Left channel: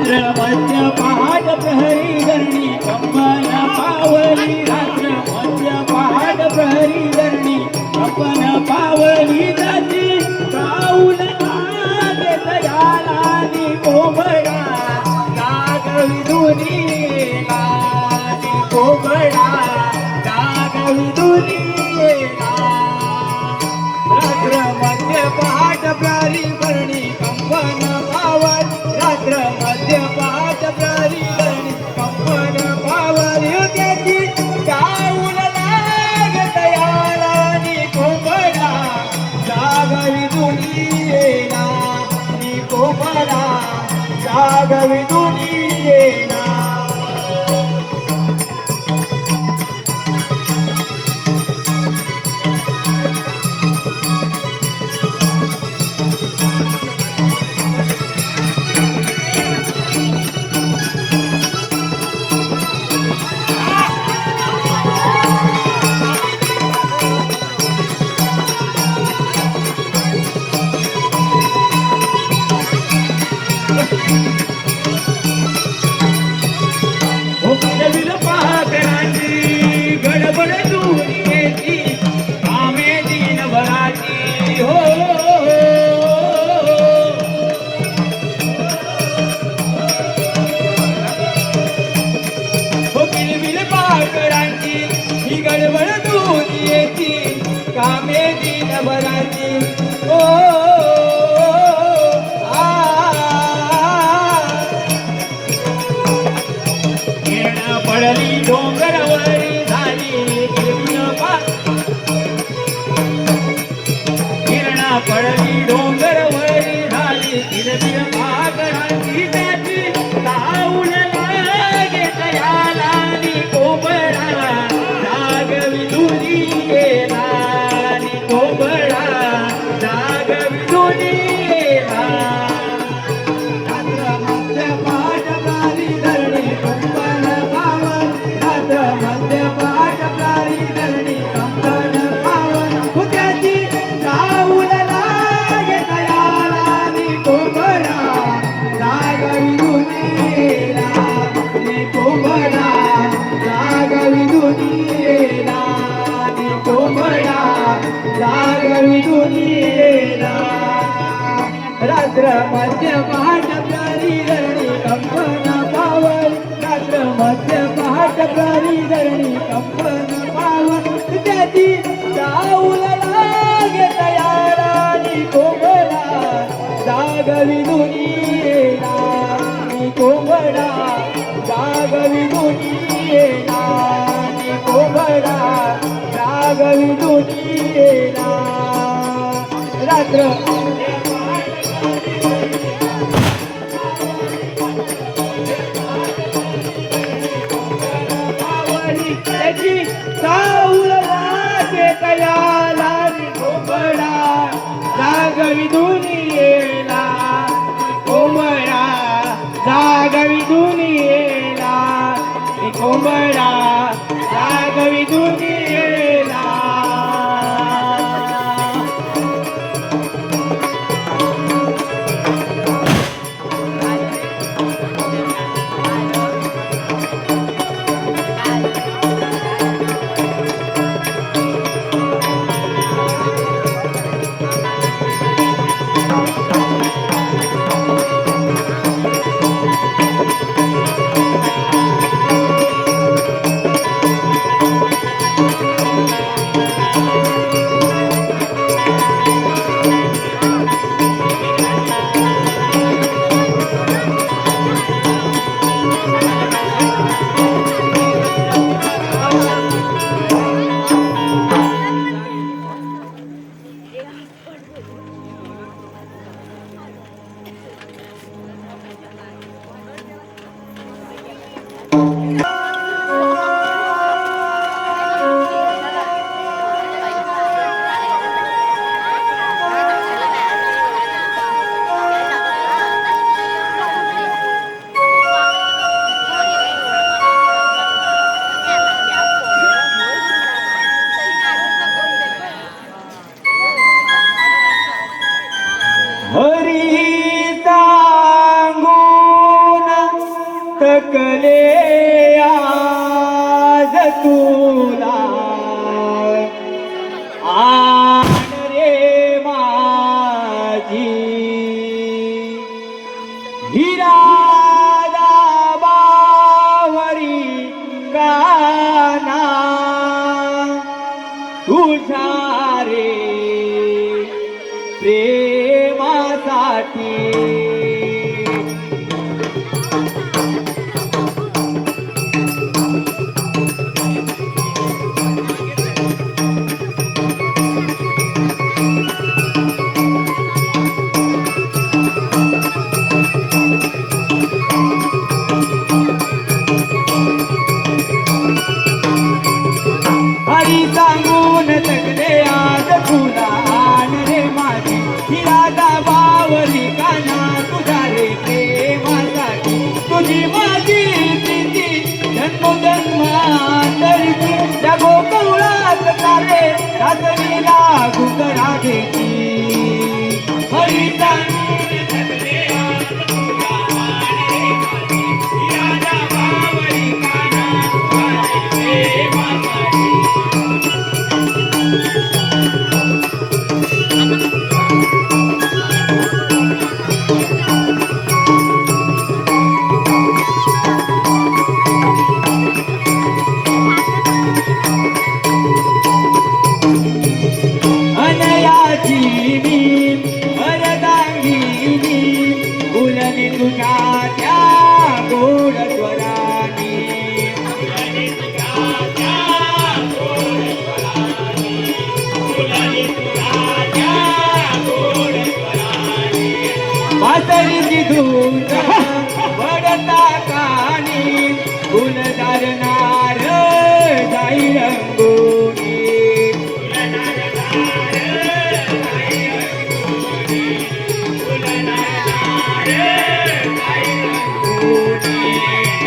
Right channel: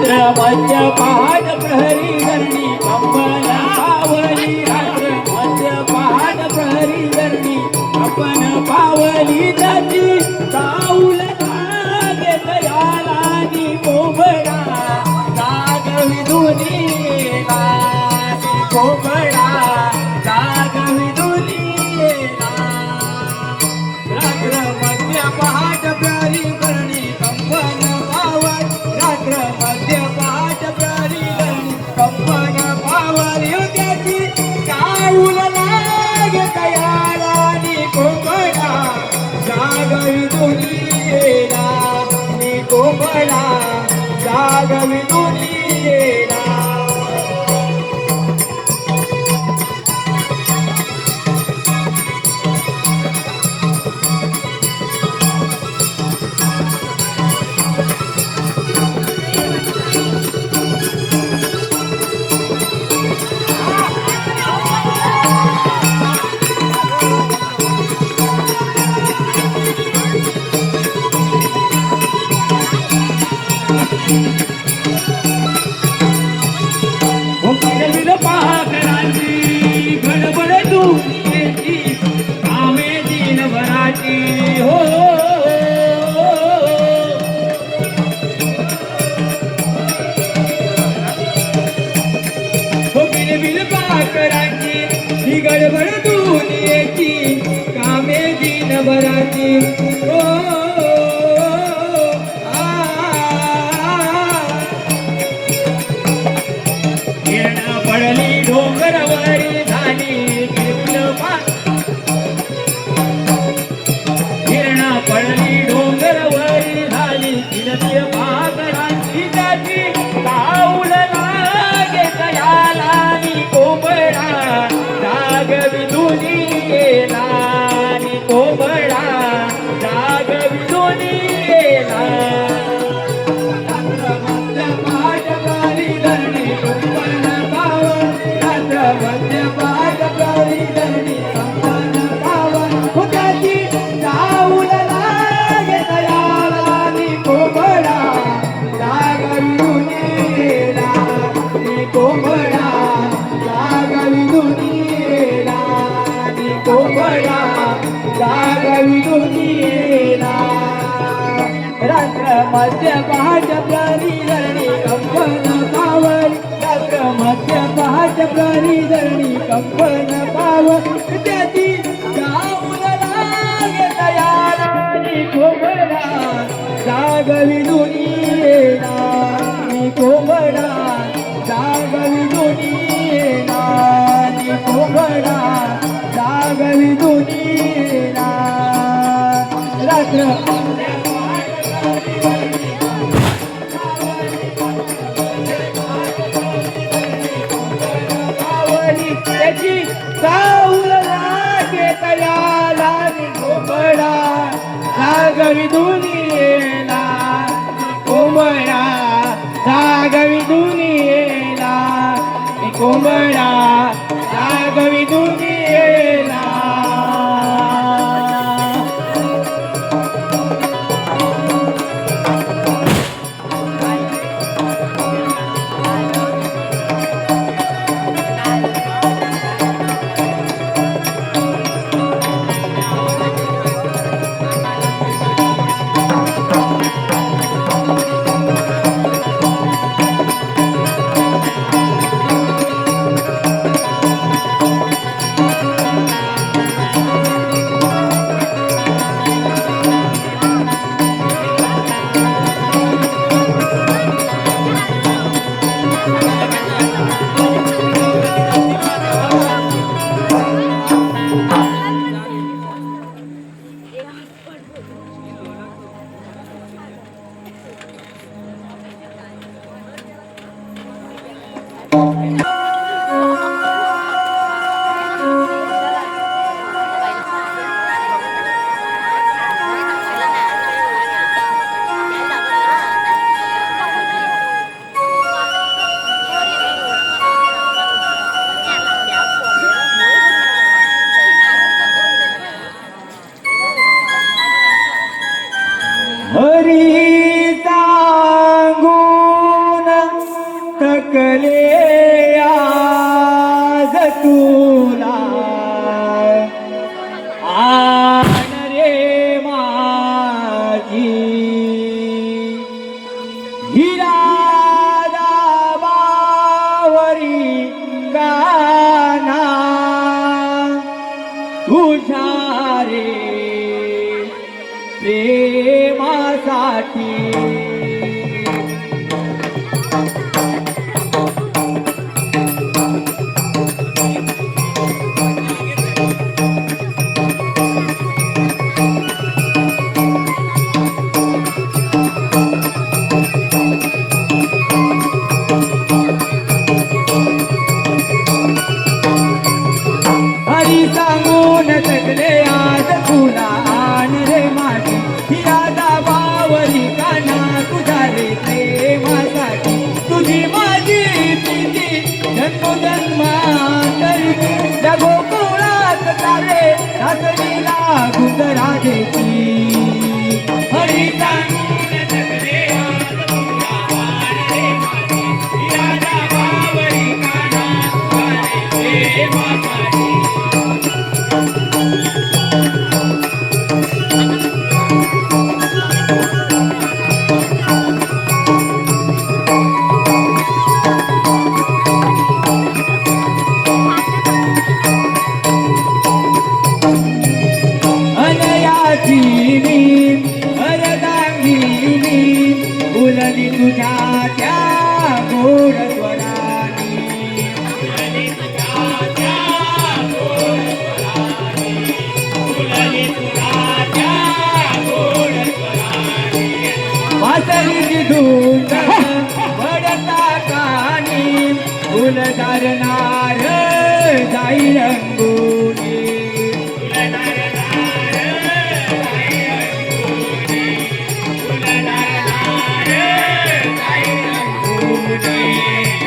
मध्य पहाट प्रहरी धरणी कंपन पावली रात्र मध्य पहाट प्रहरी धरणी कंपन पावली जाती काऊल लागे दयालानी कोबडा गागवी दुनीला कोबडा गागवी दुनीला रात्र मध्य पहाट प्रहरी धरणी कंपन पावली रात्र मध्य पहाट प्रहरी धरणी कंपन पावली त्याची काऊल लागे दयालानी कोबडा गागवी दुनीला कोबडा गागवी दुनीला गडबड दुनियेची आमे दिनभराची हो बिलबिल पाकरांची ही गडबड दुनियेची कामे दिनभराची हो पडली डोंगरावरी झाली किरणा पडली डोंगरावरी झाली किरतीय पाकरांची त्याची काऊल लागे दयालानी कोबडा जागवी दुनीला कोबडा जागवी दुनीला रात्र मध्य पहाट प्रहरी धरणी कंपन पावली रात्र मध्य पहाट प्रहरी धरणी कंपन पावली त्याची काऊल लागे दयालानी कोबडा गागवी दुनीला कोबडा गागवी दुनीला कोबडा गागवी दुनीला रात्र त्याची काऊल लागे दयालानी कोबडा जागवी दुनीला कोबडा जागवी दुनीला कोबडा जागवी दुनीला हरी सांगून थकले आज तुला आण रे माझी हिरा बावरी गाना तुझ्या रे प्रेमासाठी हरी सांगून थकले आज तुला आण रे माझी हिरा बावरी गाना तुझ्या रे प्रेमासाठी तुझी माझी प्रीती जन्मोजन्मांतरची या गोकुळात चाले रात्रीला घुंगरा देती हरी सांगून थकले आज तुला आण रे माझी हिरा बावरी गाना तुझ्या रे प्रेमासाठी अनयाची मी अनदांगिनी उलली तुझ्या त्या गोड स्वरानी उलली तुझ्या त्या गोड स्वरानी उलली तुझ्या त्या गोड स्वरानी वासरीची धून वडता कानी फुल धरणार जाई अंगुनी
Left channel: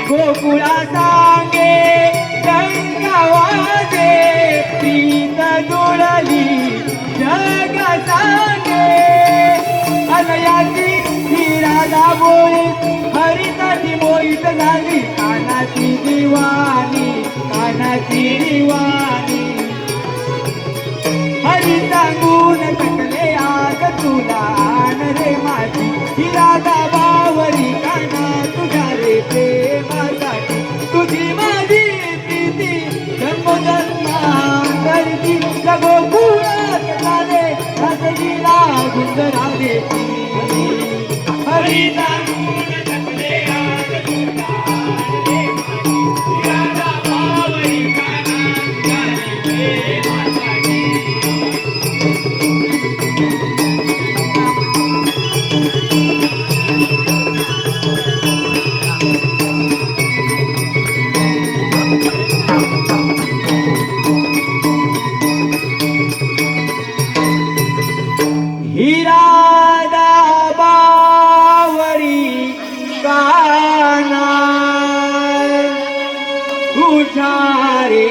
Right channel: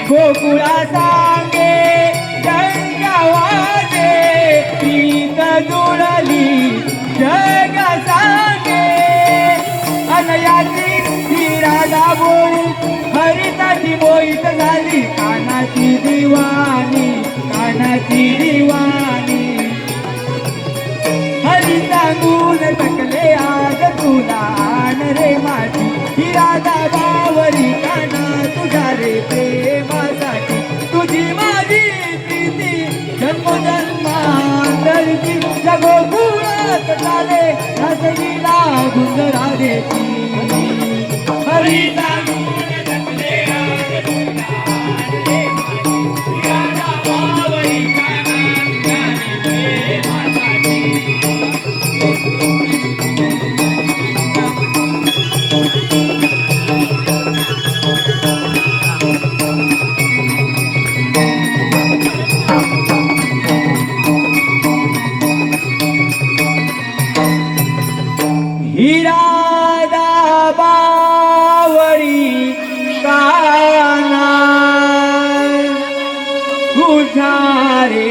गोकुळा सांगे गंगावाजे प्रीत जुळली जग सांगे अनयाची हिरा बोली हरिताची मोहित झाली कानाची दिवाणी हरी सांगून थकले आज तुला आण रे माझी हिरा बावरी गाना तुझ्या रे प्रेमासाठी तुझी माझी प्रीती जन्मोजन्मांतरची या गोकुळात चाले रात्रीला घुंगरा देती हरी सांगून थकले आज तुला आण रे माझी हिरा बावरी गाना तुझ्या रे प्रेमासाठी हिरा बावरी गाना तुझ्या रे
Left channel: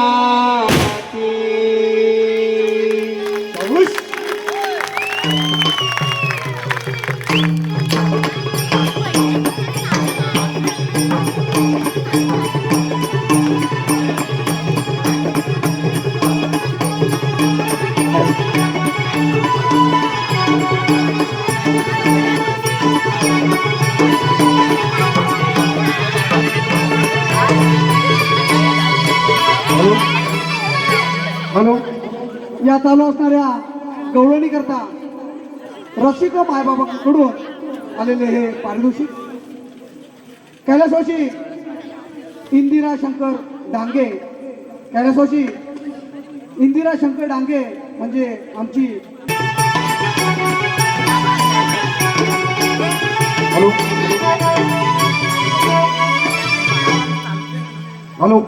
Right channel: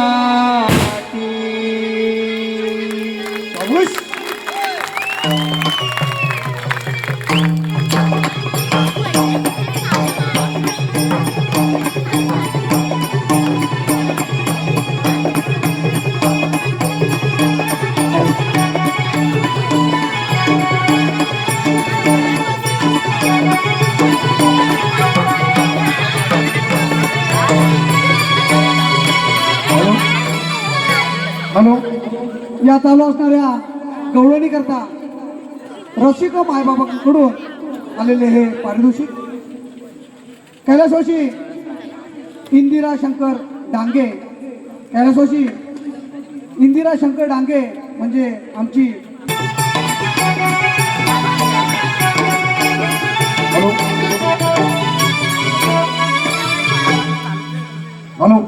प्रेमासाठी हॅलो या चालू असणाऱ्या गवळणी करता रसिक मायबाबांकडून आलेले हे पारितोषिक कैलासवासी इंदिरा शंकर डांगे कैलासवासी इंदिरा शंकर डांगे म्हणजे आमची हॅलो हॅलो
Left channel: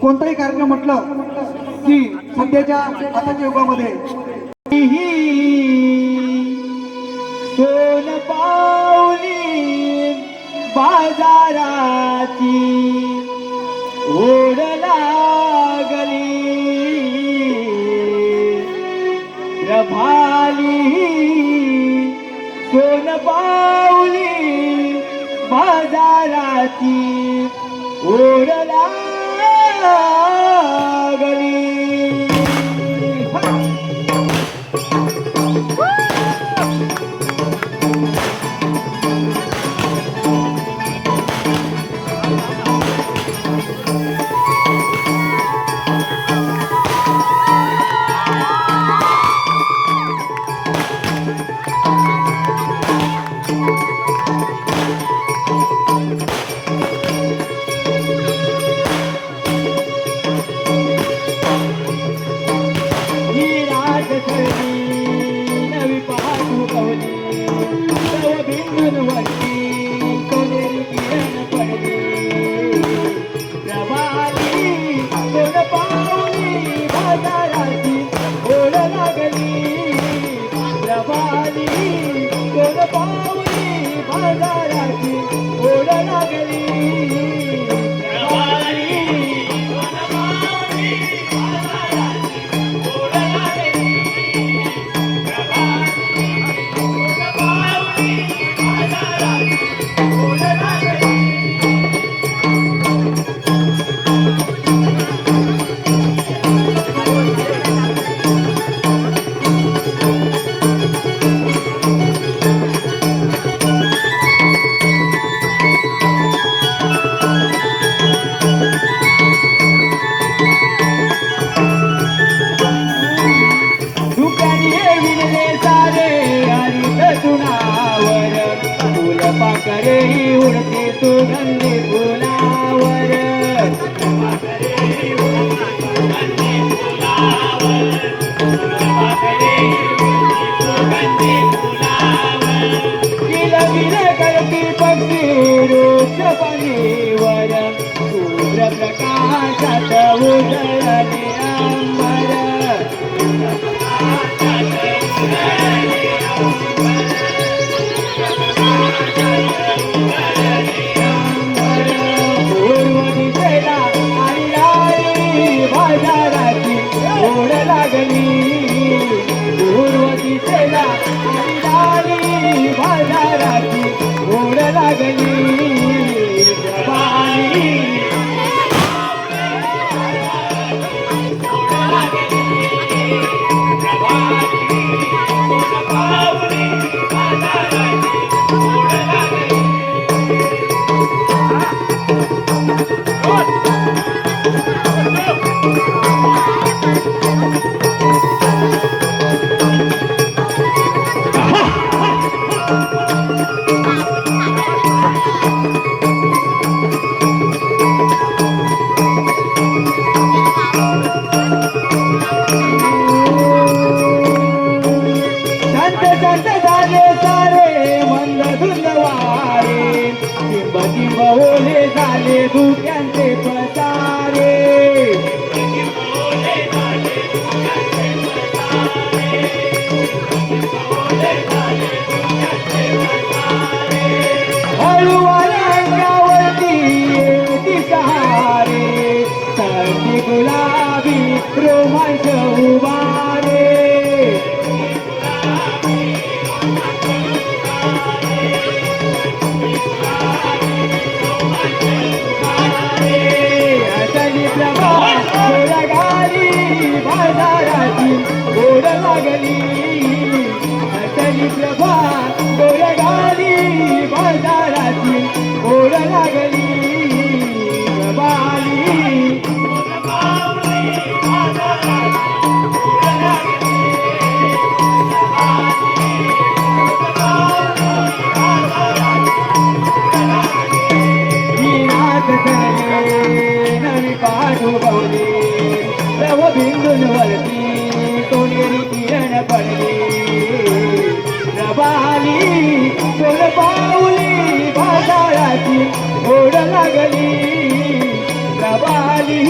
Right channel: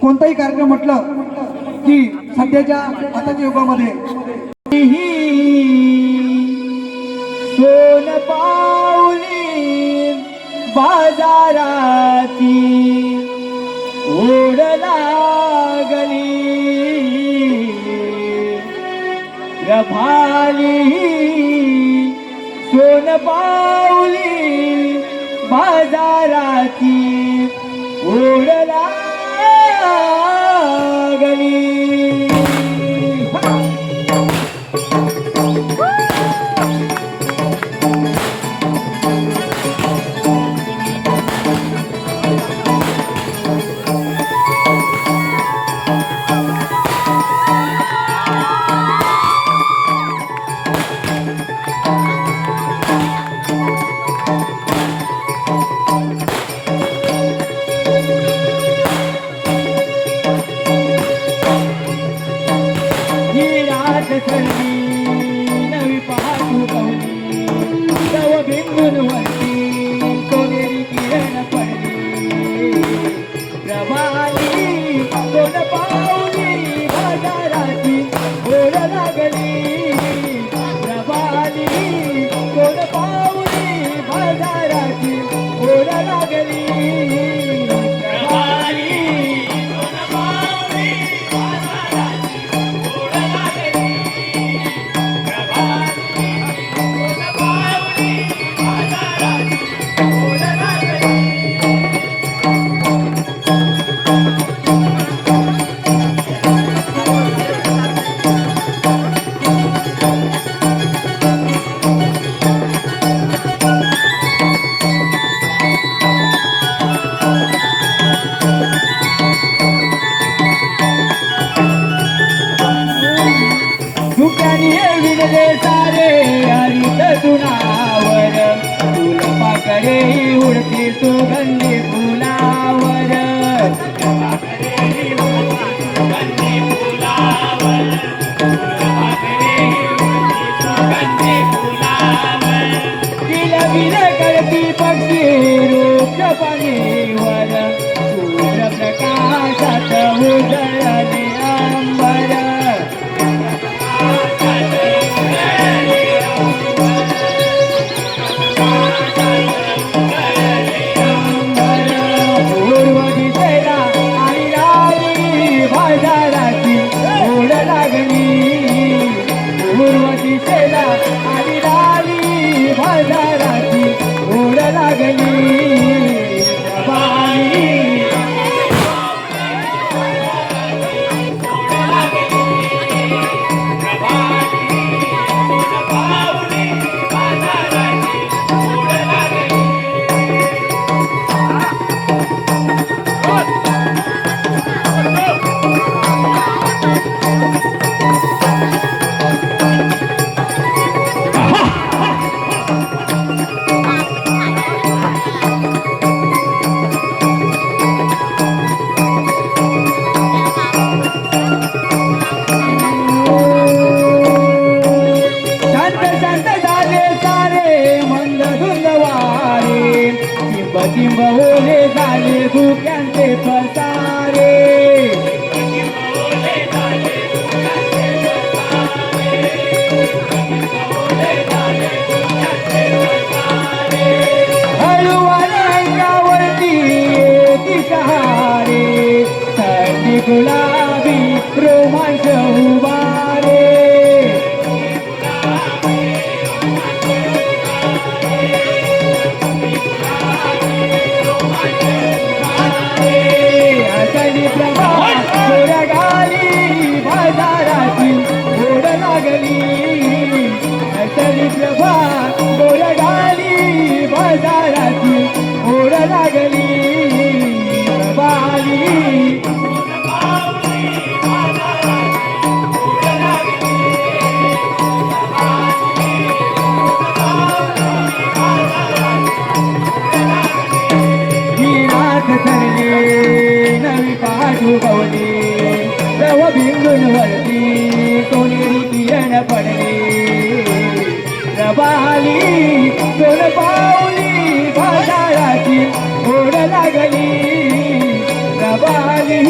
कोणताही कार्यक्रम म्हटलं की सध्याच्या आताच्या युगामध्ये सोन पावली बाजाराची ओढ लागली रभाली ही रात सरली नवी पाहू कवली नव बिंदूंवरती सोनेरी किरण पडली प्रभाली कोण पावली बाजाराची ओढ लागली प्रभाली कोण पावली बाजाराची ओढ लागली प्रभाली दुप्यानी विणले सारे हरित तुणावर फुल पाकरे उडती सुगंधी फुलावर किलबिल करती पक्षी रोज पाणीवर सूर्य प्रकाशात उजळले अंबर बहुले झाले धुक्यांचे पसारे हळूवाल्यावरती दिसहारे थंडी गुलाबी रोमांच उभारे हसली प्रभा गाली बाजाराची ओढ लागली हसली प्रभा गाली बाजाराची ओढ लागली नवी पाहू कवली नव बिंदूंवरती सोनेरी किरण पडली प्रभाली कोण पावली बाजाराची ओढ लागली प्रभाली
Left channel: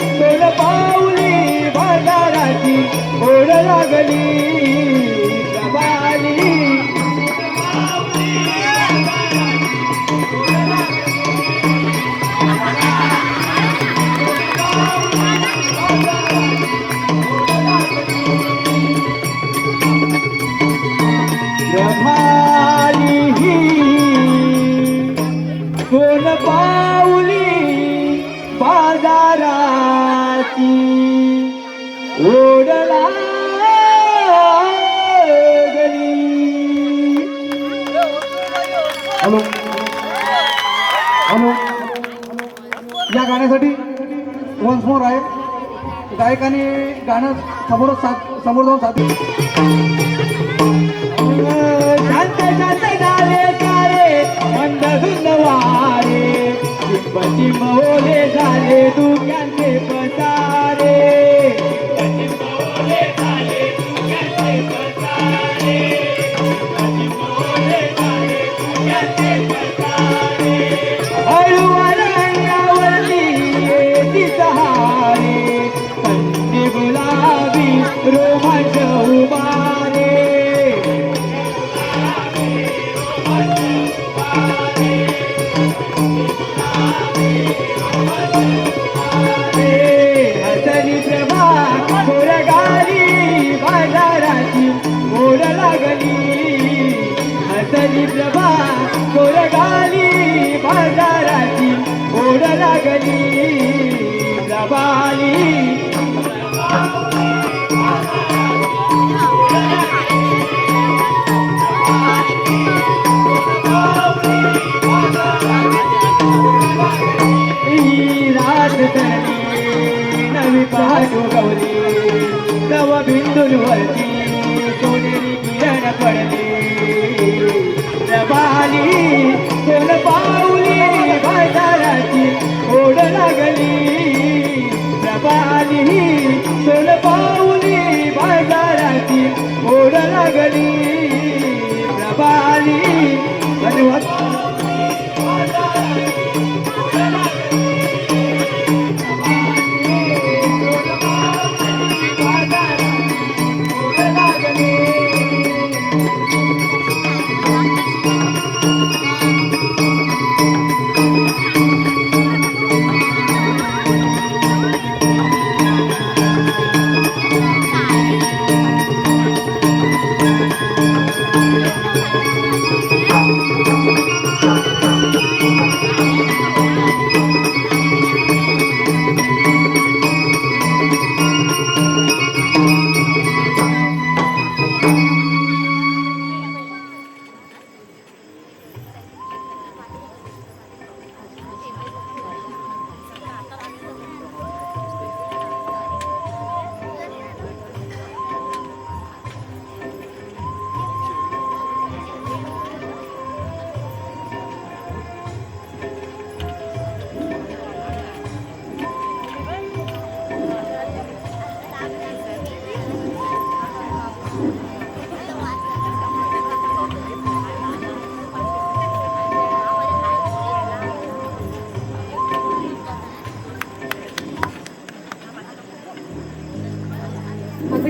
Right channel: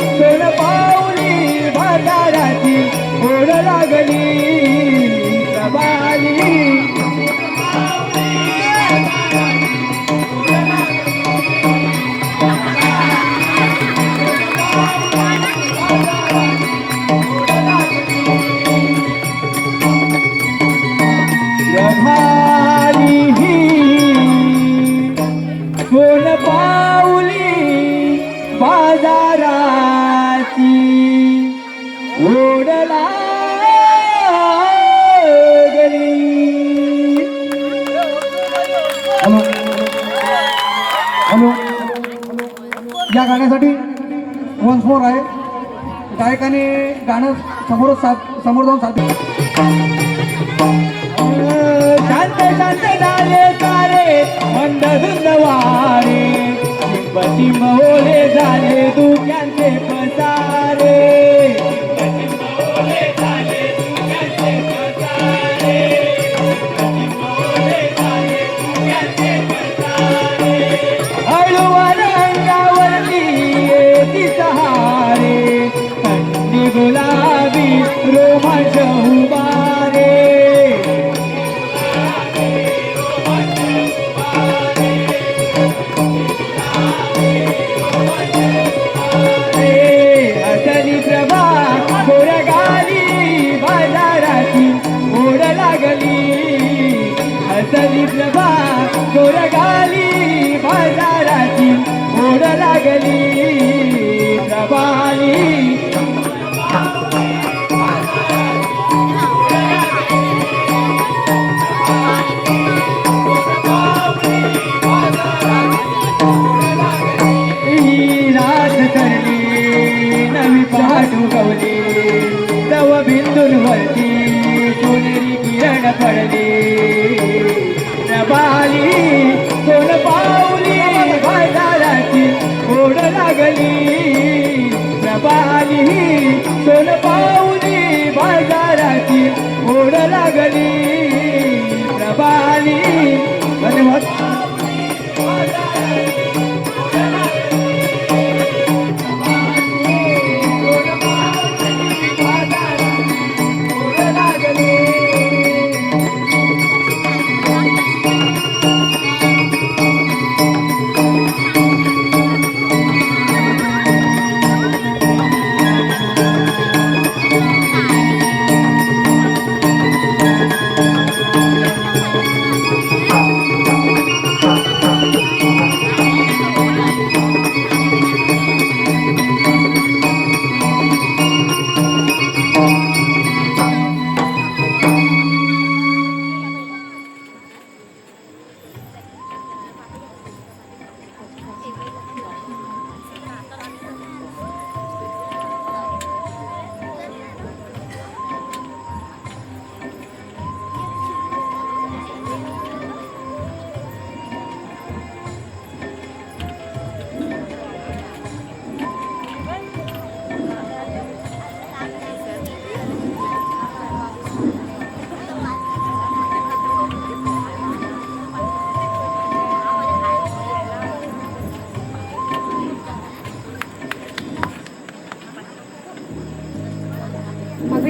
कोण पावली बाजाराची ओढ लागली प्रभाली कोण पावली बाजाराची ओढ लागली. हॅलो हॅलो या गाण्यासाठी वन्स मोर आहे गायकाने गाणं समोर जाऊन साथ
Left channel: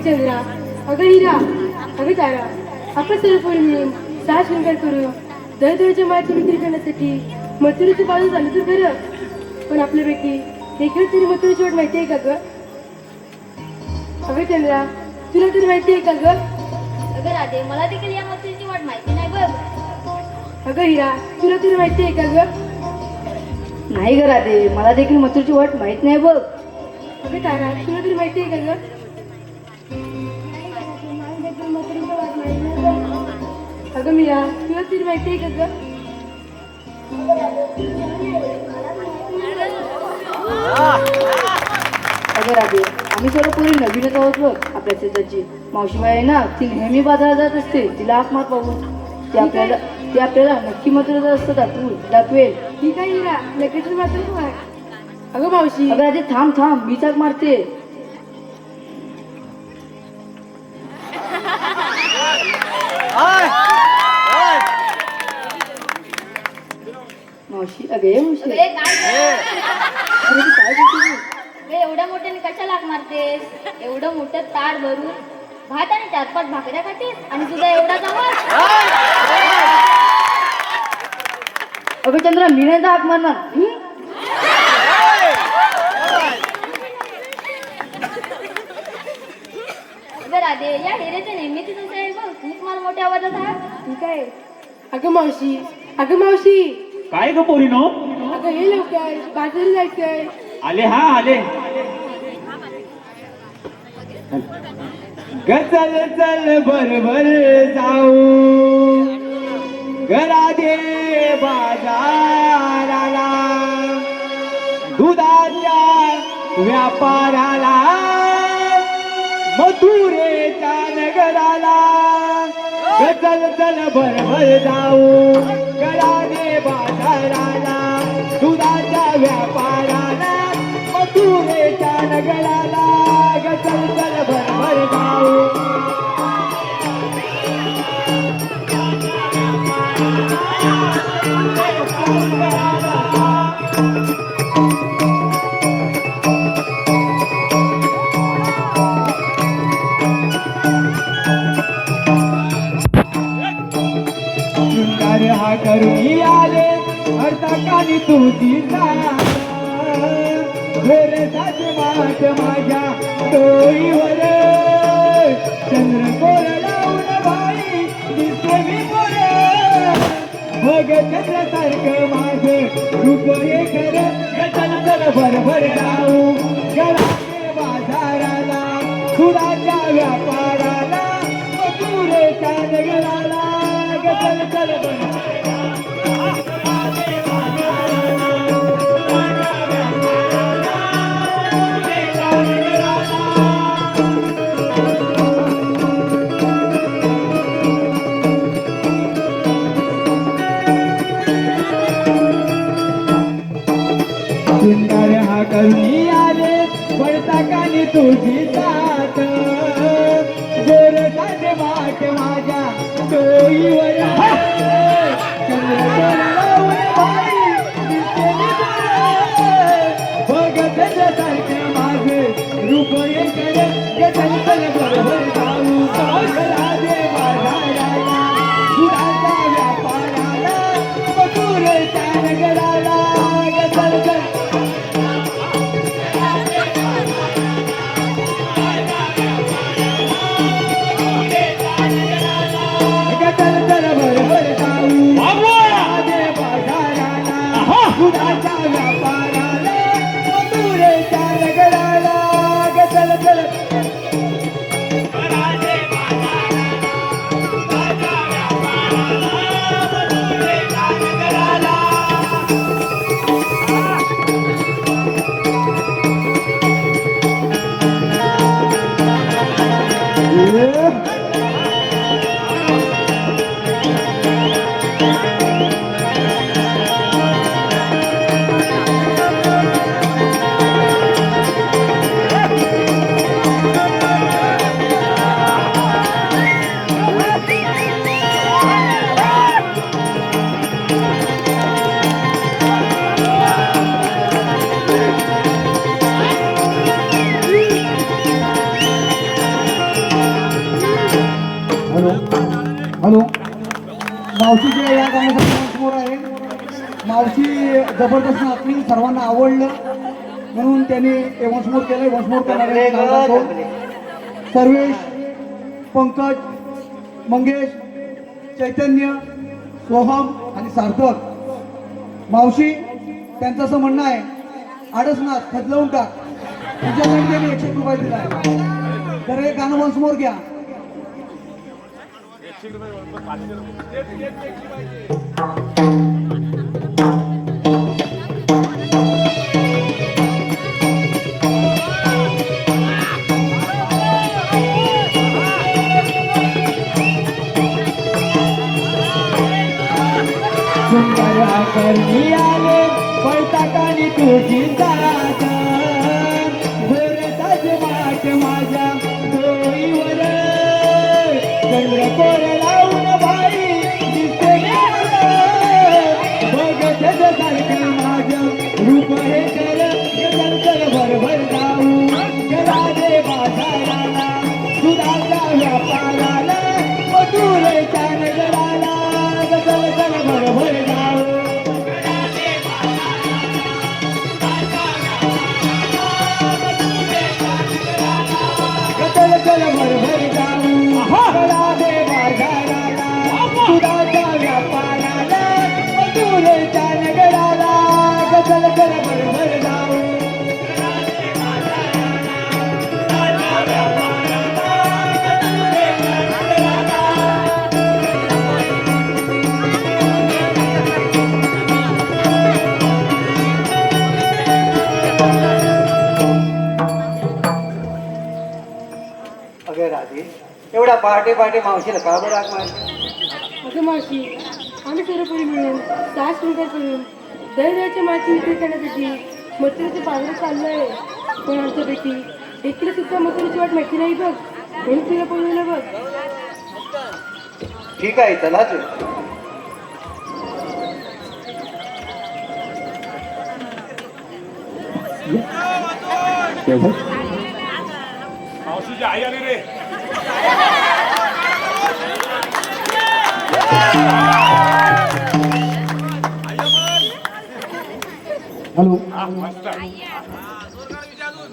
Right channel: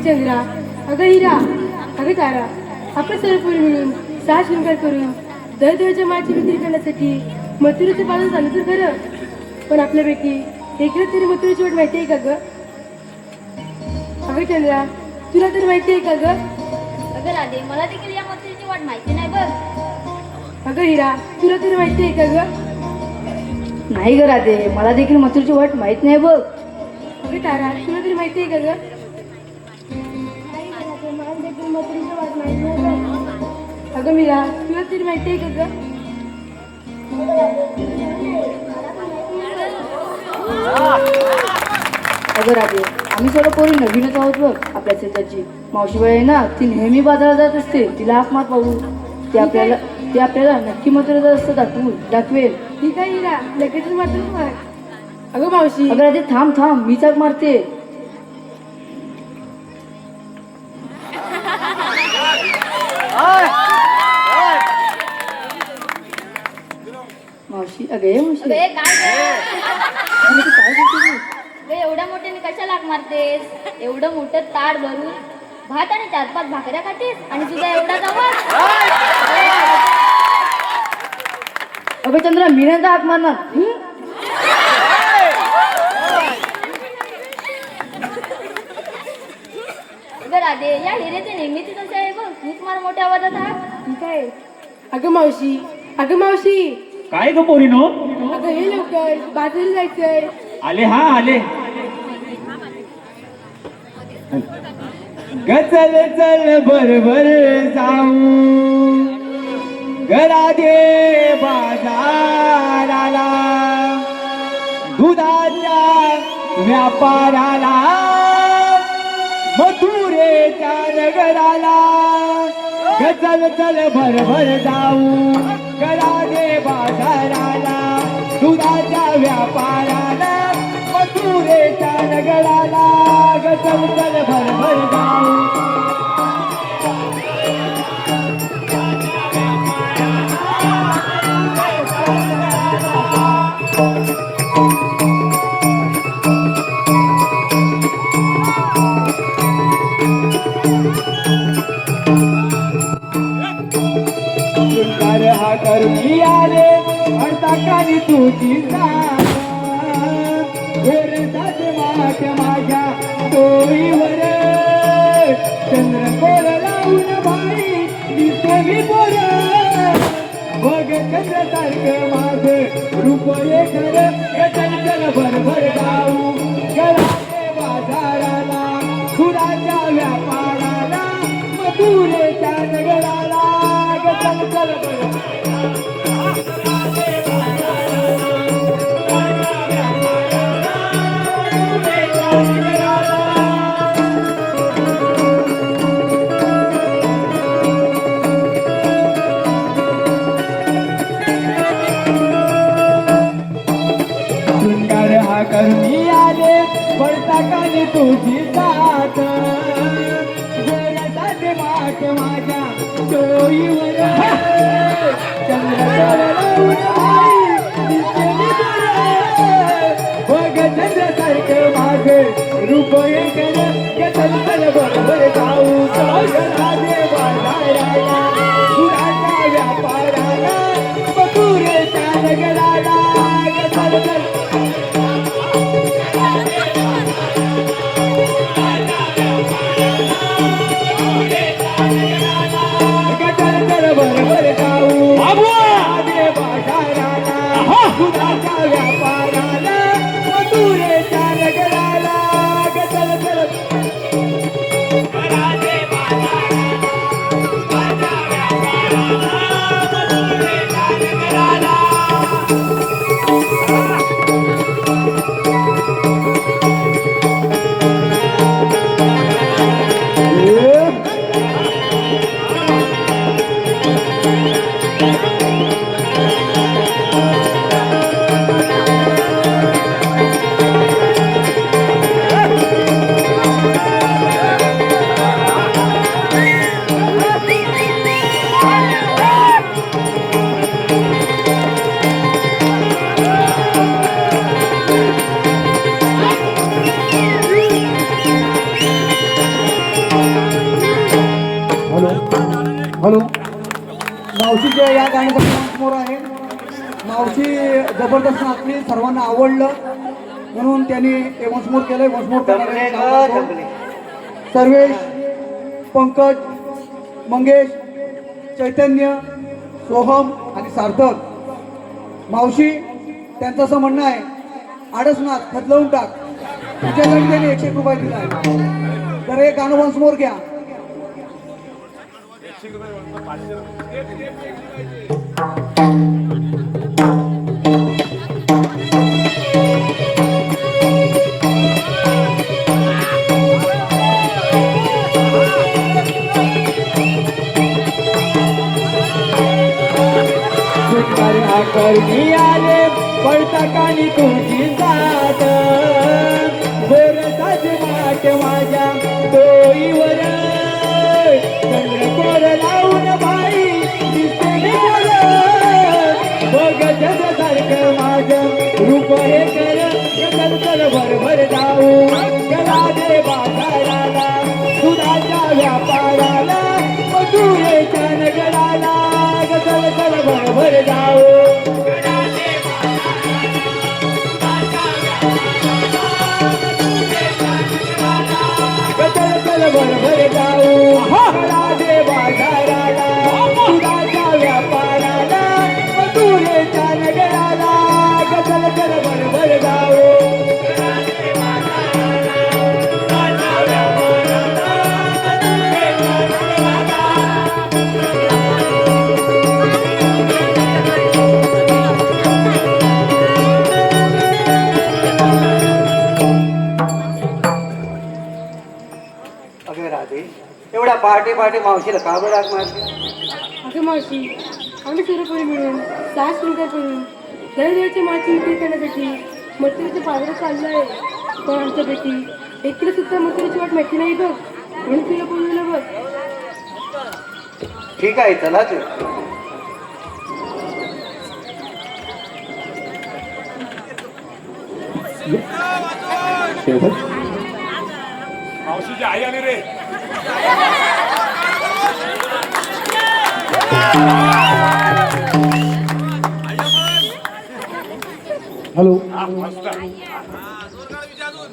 चंद्रा, अगं हिरा, अगं तारा, आपण सर्व पोरी मिळून सहा शृंगार करून दरदरच्या मायाची विक्री करण्यासाठी मथुरेचं पालन झालं तर खरं. पण आपल्यापैकी एकच तरी मथुरेची वाट माहिती आहे का ग? अगं चंद्रा, तुला तर माहिती आहे का ग? अगं राधे, मला देखील या मथुरेची वाट माहिती नाही बघ. अगं हिरा, तुला तर माहिती आहे का ग? नाही ग राधे, मला देखील मथुरेची वाट माहित नाही बघ. अगं तारा, तुला तरी माहिती आहे का ग? अगं मीरा, तुला तरी माहिती आहे का ग? अगं राधे, आम्ही सर्व पोरी नवीनच आहोत बघ आपल्या शेताची. मावशीबाई आहे ना, ती नेहमी बाजारात जात असते, तिला हाक मार पाहू. ती आपल्याला नक्की मथुरेचा रस्ता दाखवेल. ठीक आहे हिरा, लगेच मात्र मार. अगं मावशी, अगं राधे, थांब, मी चाक मारते. मावशी, अगं ये मावशी. अगं, हे काय? अरे, ती काय बोलते तू? अगं, एवढ्या मोठ्याने कशाला हाक मारतेस? एवढं मोठं ताट भरून भात आणि 4-5 भाकऱ्या खातीस आणि तुझा एवढा आवाज. अगं चंद्रा, मी नाही हाक मारणार. हं? अगं राधे, या हिरेचे नेहमीच तसे आहे बघ. तूच मार मोठ्या आवाजात हाक. ठीक आहे. अगं मावशी, अगं मावशी, काय ग पोरीनो? अगं हे लवकर बाजारला जायचंय. आले हा आले. ग चल चल बरोबर जाऊ घरादे बाजाराला दुधाच्या व्यापाराला मथुरेच्या नगराला. ग चल चल बरोबर जाऊ घरादे बाजाराला दुधाच्या व्यापाराला मथुरेच्या नगराला. ग चल चल बरोबर जाऊ. शृंगार हा करून आले अर्थाकानी तुझी घोरसाठी माठ माझ्या डोईवर चंद्र कोर लावून भाई दिसते मी पोर. बघ चंद्र सारखं माझं रूप हे खरं. चल चल भरभर राहू घराचे बाजाराला फुलाच्या व्यापाराला मथुरेच्या नगराला. चल चल शृंगार हा करून आले पडता कानी तुझी साथ गोरसाचे माठ माझ्या डोईवर चंद्र लावून भाई दिसते मी गोर. बघ चंद्र सारखं माझे रूप हे खरं. चल चल बरोबर जाऊ घरादे बाजाराला दुधाच्या व्यापाराला मथुरेच्या नगराला. चल चल मावशीच्या या गाण्यासाठी समोर आहे. मावशी जबरदस्त नाचली, सर्वांना आवडलं म्हणून त्यांनी वंशमोर केलंय. वंशमोर सर्वेश, पंकज, मंगेश, चैतन्य, सोहम आणि सार्थक. मावशी त्यांचं असं म्हणणं आहे, आडस नाच बदलवून टाक. तुझ्याकडे त्यांनी 101 रुपये दिला. तर हे गाणं वंशमोर घ्या. सुंदर आकर्णी आले बैठकानी तुझी जात गोरताच वाट माझ्या डोईवर चंद्रकोर लावून बाई दिसते बघत सारखं माझं रूप हे कर चल भरभर जाऊ चला दे बाजाराला दुधाच्या व्यापाराला मधुरेच्या नगराला चल चल भरभर जाऊ चल चल भरभर जाऊ चला दे बाजाराला दुधाच्या व्यापाराला मधुरेच्या नगराला चल चल भरभर जाऊ अगं राधे, एवढ्या पहाटे पहाटे मावशीला का बरं हाक मारते? अगं मावशी, आम्ही सर्व पोरी मिळून 6 स्वीकार करून दररोजची माती विक्री करण्यासाठी मथुरेचे पात्र चाललं आहे. पण आमच्यापैकी एकटीला सुद्धा मथुरेची वाट माहिती नाही बघ. म्हणून तुला बोलवलं बघ. ठीक आहे, चला तू. मावशीची आई आली रे. हॅलो मस्त आहे.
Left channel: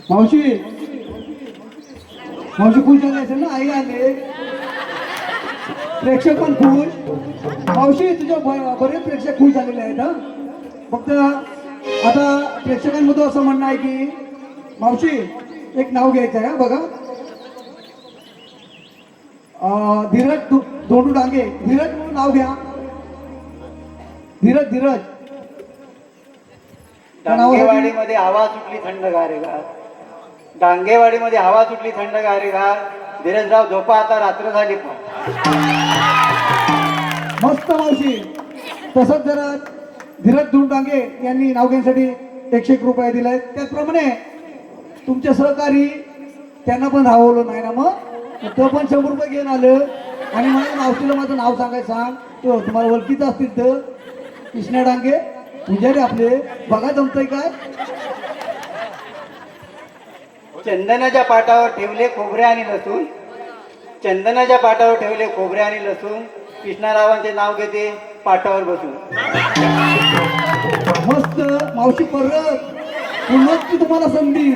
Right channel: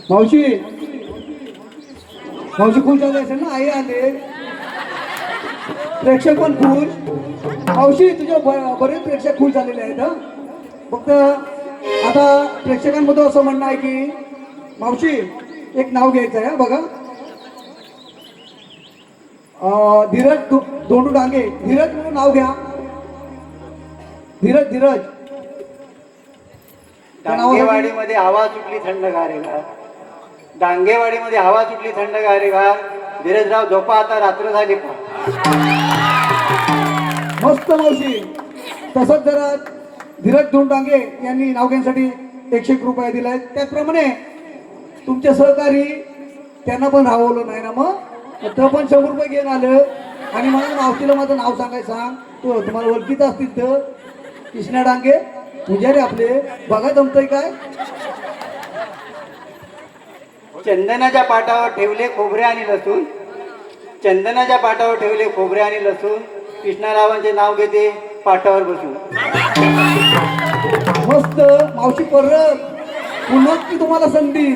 मावशी, मावशी खुश झाले असेल ना, आई आले, प्रेक्षक पण खुश. मावशी तुझ्या बरेच प्रेक्षक खुश झालेले आहेत. हं. फक्त आता प्रेक्षकांमध्ये असं म्हणणं आहे की मावशी एक नाव घ्यायचं आहे. बघा, धीरज दोंडू डांगे, धीरज म्हणून नाव घ्या. धीरज धीरज. डांगेवाडीमध्ये हवा सुटली थंडगारेगार. डांगेवाडीमध्ये हवा सुटली थंडगारेगार. धीरजराव झोपा, आता रात्र झाली. मस्त मावशी. तसंच जरा धीरज दोंडांगे यांनी नाव घेण्यासाठी 101 रुपये दिले. त्याचप्रमाणे तुमचे सहकारी त्यांना पण राहवलं नाही ना, मग तो पण 100 रुपये घेऊन आलं. आणि मला मावशीला माझं नाव सांगायचं सांग. तो तुम्हाला ओळखीत असतील तर कृष्णा डांगे म्हणजे रे आपले. बघा जमतंय काय. चंदनाच्या पाटावर ठेवले खोबरे आणि लसूण. चंदनाच्या पाटावर ठेवले खोबरे आणि लसूण. कृष्णारावांचे नाव घेते पाटावर बसून. मस्त मावशी. परत पुन्हा ती तुम्हाला संधी.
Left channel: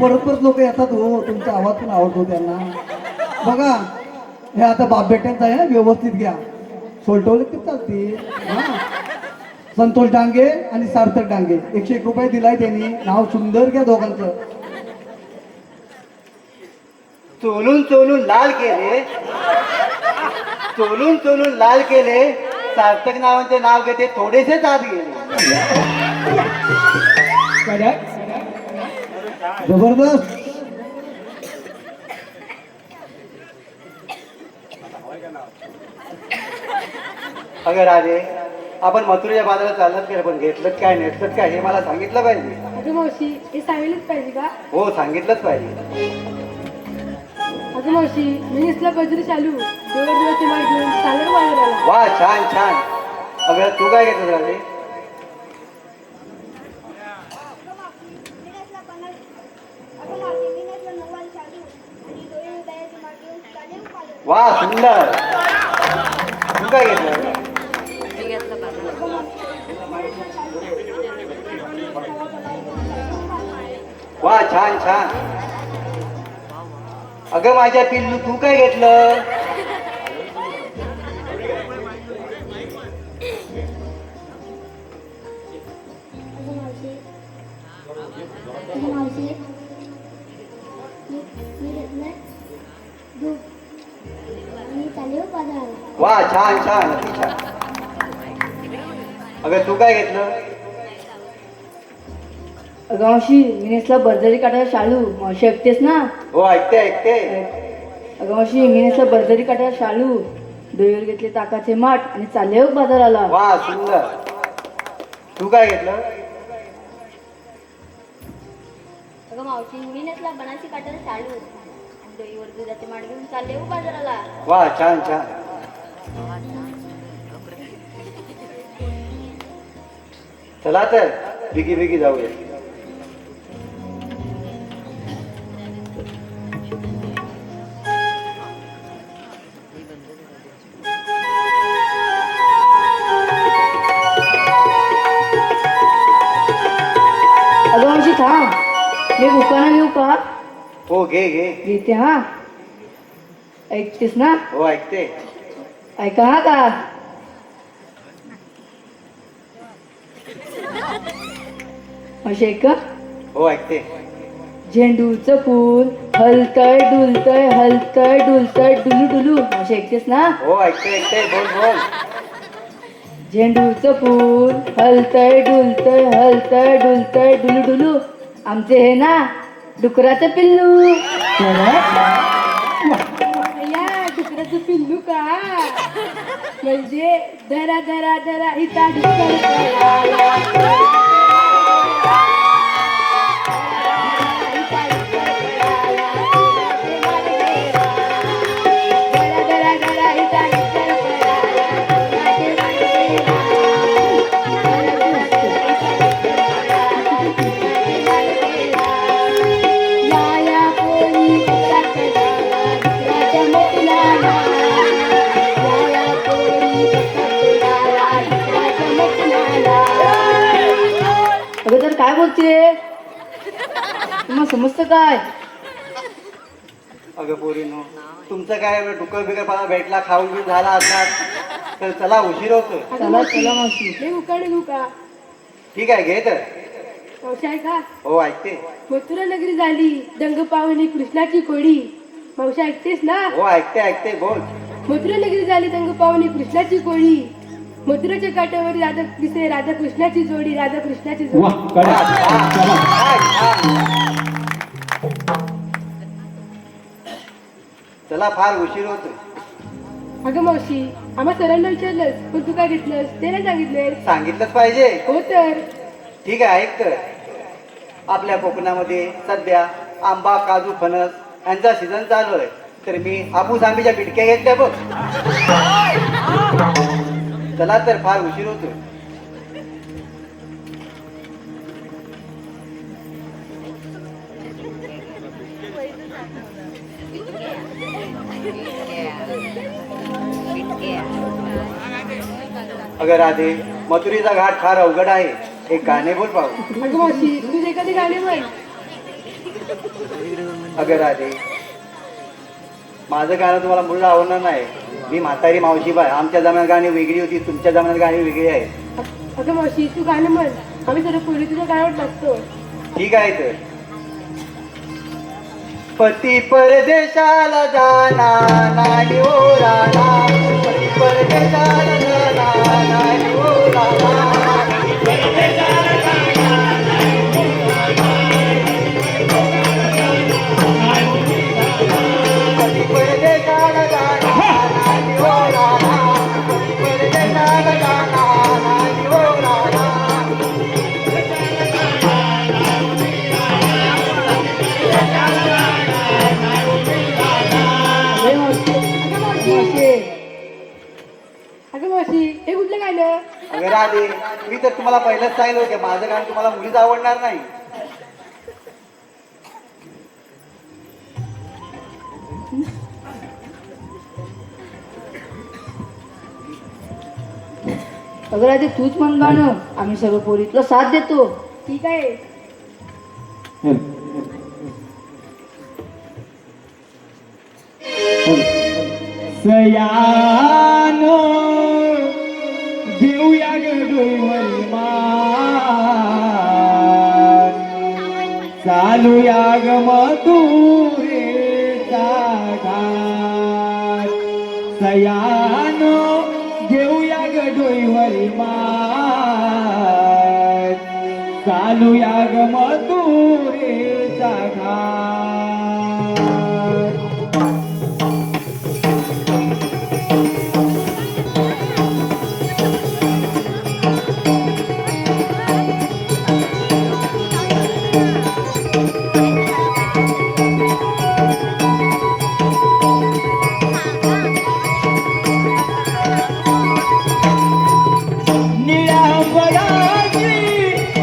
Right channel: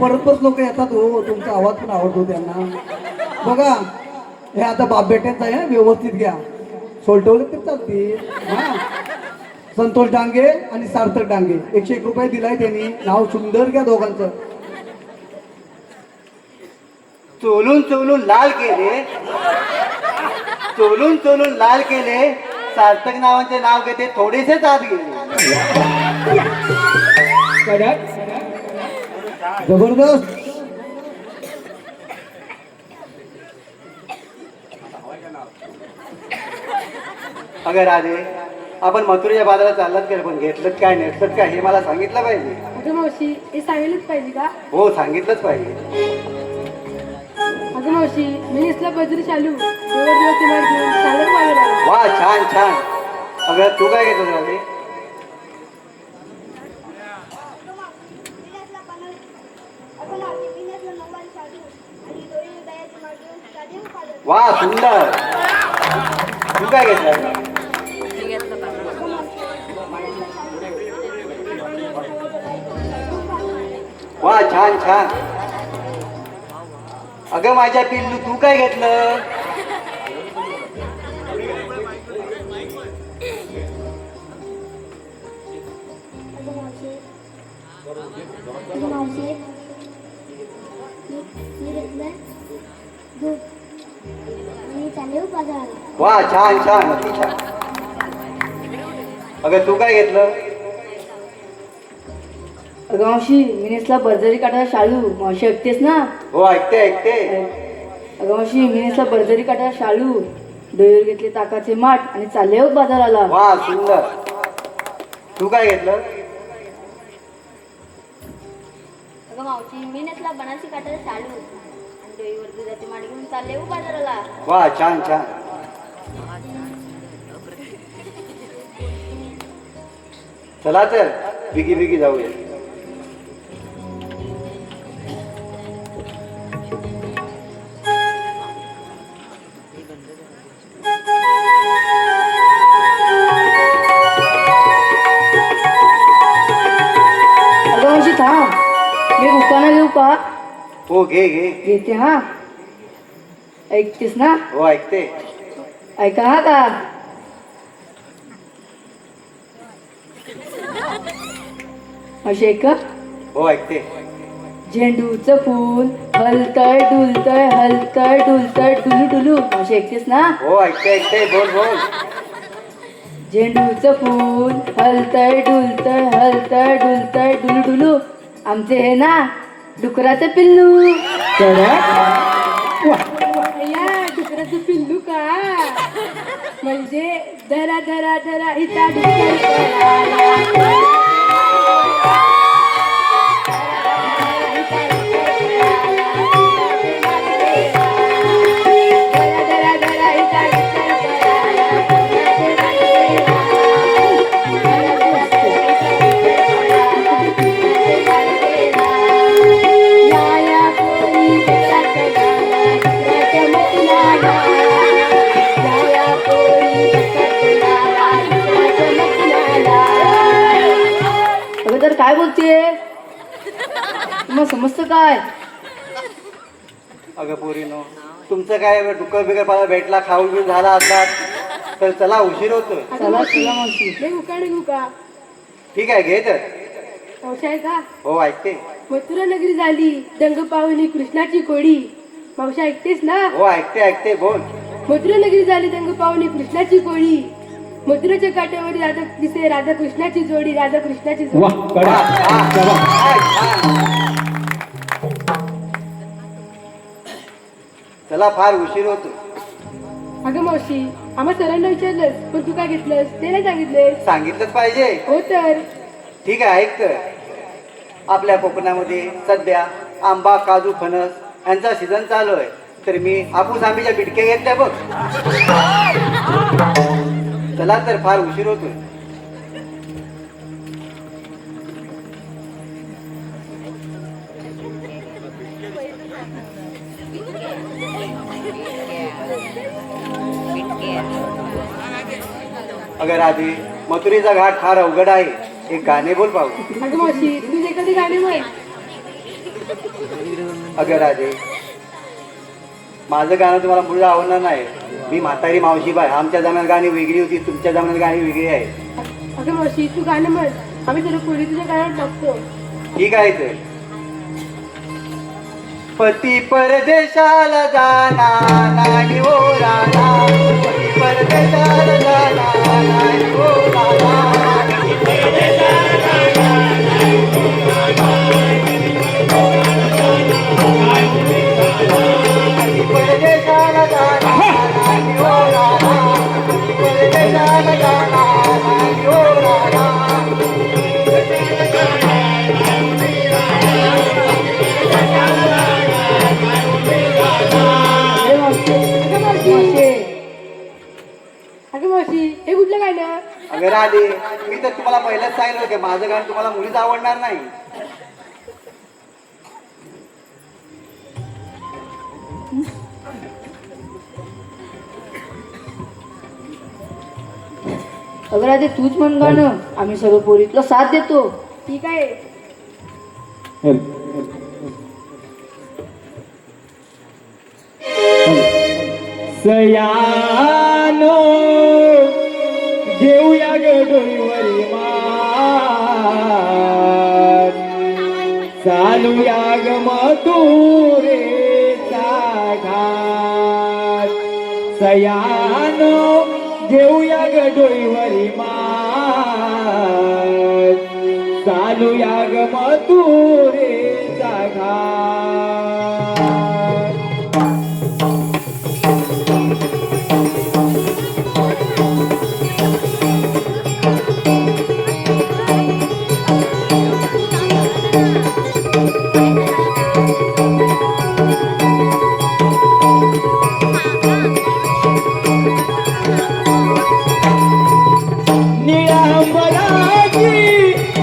परत परत लोक येतात हो. तुमचा आवाज पण आवडतो त्यांना. बघा, हे आता बाप बेट्यांचं आहे, व्यवस्थित घ्या. सोलटवले तर चालते. संतोष डांगे आणि सार्थक डांगे 101 रुपये दिलाय त्यांनी. नाव सुंदर घ्या दोघांचं. चोलून चोलून लाल केले. चोलून चोलून लाल केले. सार्थक नावांचे नाव घेते थोडेसेच आत गेले. जबरदस्त. अगं राधे, आपण मथुरेच्या बाजारात चाललात का? पण घेतलं काय नेसलं काय हे मला सांगितलं पाहिजे. अगं मावशी, हे सांगायलाच पाहिजे का? हो, सांगितलंच पाहिजे. अगं मावशी, मी इसला बजरी चालू दिवसची माहिती चालत बाजाराला. वा, छान छान. अगं तू काय घेतलं राधे? वा, सुंदर. तू काय घेतलं? वा छान छान. अगं माझ्या पिल्लू तू काय घेतलं? वा छान छान अति छान. अगं तू काय घेतलं? अगं मावशी मी नेसला बर्जरी काटायला शाळू. मावशी ऐकतेस ना? हो ऐकते ऐकते. अगं मावशी मी नेसला बर्जरी काटायला शाळू, डोळ्यावर घेतले ताकाचे माठ आणि चालले हो बाजाराला. वा सुंदर. तू काय घेतलं? अगं मावशी मी नेसला बनारसी काटाला शालू आणि डोईवर दुधाची माठ घेऊन चालले हो बाजाराला. वा छान छान. चला तर बिगी बिगी जाऊया. अगं मावशी थांब, मी उपाना घेऊ का? हो घे घे. घेते हा. ऐकतेस ना? हो ऐकते. ऐका हा का? मावशी ऐका. हो ऐकते. झेंडूचं फूल हलतय डुलतय हलतय डुलतय डुलू डुलू. मावशी ऐकतेस ना? हो ऐकते ऐकते. बोल बोल. झेंडूचं फूल हलतय डुलतय हलतय डुलतय डुलू डुलू. आमचे हे ना डुकराचं पिल्लू. या डुकराचं पिल्लू का? म्हणजे धरा धरा धरा इथं डुक्कर. अगं तर काय बोलते? मग समजतं काय? अगं पोरीनो तुमचं काय डुकर बिकर मला भेटला खाऊन घेऊन झाला असला तर चला उशीर होतोय. चला चला मावशी. हे उकाड घेऊ का? ठीक आहे घे तर. मावशी आहे का? हो ऐकते. मथुरा नगरी झाली दंग पावली कृष्णाची कोडी. मावशी ऐकतेस ना? हो ऐकते ऐकते. बोल. मथुरा नगरी झाली दंग पावली कृष्णाची कोडी. मथुराच्या काठावर राधा दिसे राधा कृष्णाची जोडी. राधा कृष्णाची जोडी. वाह कडा. चला फार उशीर होतोय. अगं मावशी आम्हा सरांना विचारलंस पण तू काय घेतलंस ते नाही सांगितलेस. सांगितलंच पाहिजे. हो तर ठीक आहे ऐक तर. आपल्या कोकणामध्ये सध्या आंबा काजू फणस यांचा सीझन चालू आहे तर मी आपूस आंब्याच्या बिडक्या घेतल्या बघ. चला तर फार उशीर होतोय. अगं राधे मथुरीचा घाट फार अवघड आहे. एक गाणे बोल पाहू. अगं मावशी तुझी एखादी गाडी म्हण. अगं राधे माझं गाणं तुम्हाला मुलं आवडणार नाही. मी म्हातारी मावशी बाय. आमच्या जमान्यात गाणी वेगळी होती तुमच्या जमान्यात गाणी वेगळी आहे. अगं मावशी तू गाणं म्हण. आम्ही जरा खोली तुझ्या गाण्यावर टाकतो. ठीक आहे तर. पती परदेशाला जाना नाडी ओ राणा. पती परदेशाला जाना नाडी ओ राणा. पती परदेशाला जाना नाडी ओ राणा. पती परदेशाला जाना नाडी ओ राणा. अगं मावशी हे कुठलं गाणं? अगं राधे मी तर तुम्हाला पहिलंच सांगितलं होतं माझं गाणं तुम्हाला मुलीच आवडणार नाही. अगं राधे तूच म्हण गाणं. आम्ही सर्व पोरीतला साथ देतो. ठीक आहे. सयानो घेऊया ग डोईवरी मान चालूया ग मथुरेचा घाट सयानो घेऊया ग डोईवरी मान चालूया ग मथुरेचा घाट निळ्यावराची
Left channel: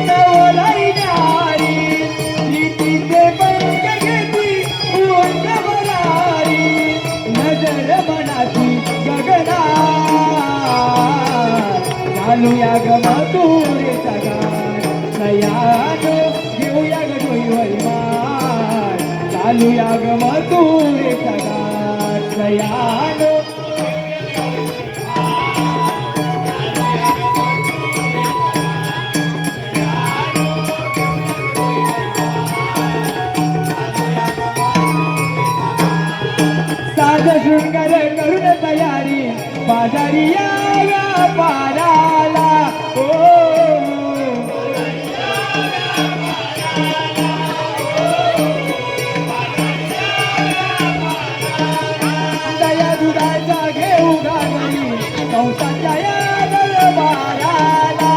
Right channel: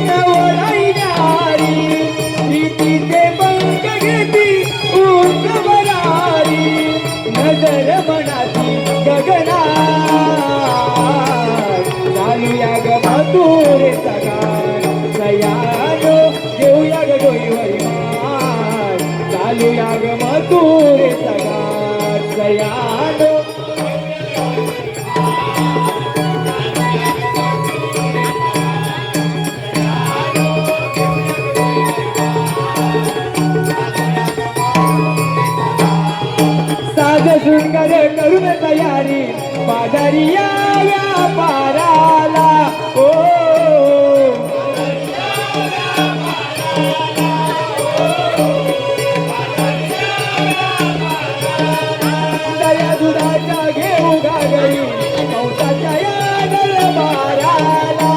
नवराईनारी प्रीतीचे पंख घेती उंचवरारी नजर मनाची गगनात चालूया ग मथुरेचा घाट सयानो घेऊया ग डोईवरी मान चालूया ग मथुरेचा घाट सयानो साज शृंगार करून तयारी बाजारी या व्यापाराला ओ दया दुधाच्या घेऊ गागरी पावसाच्या या दरबाराला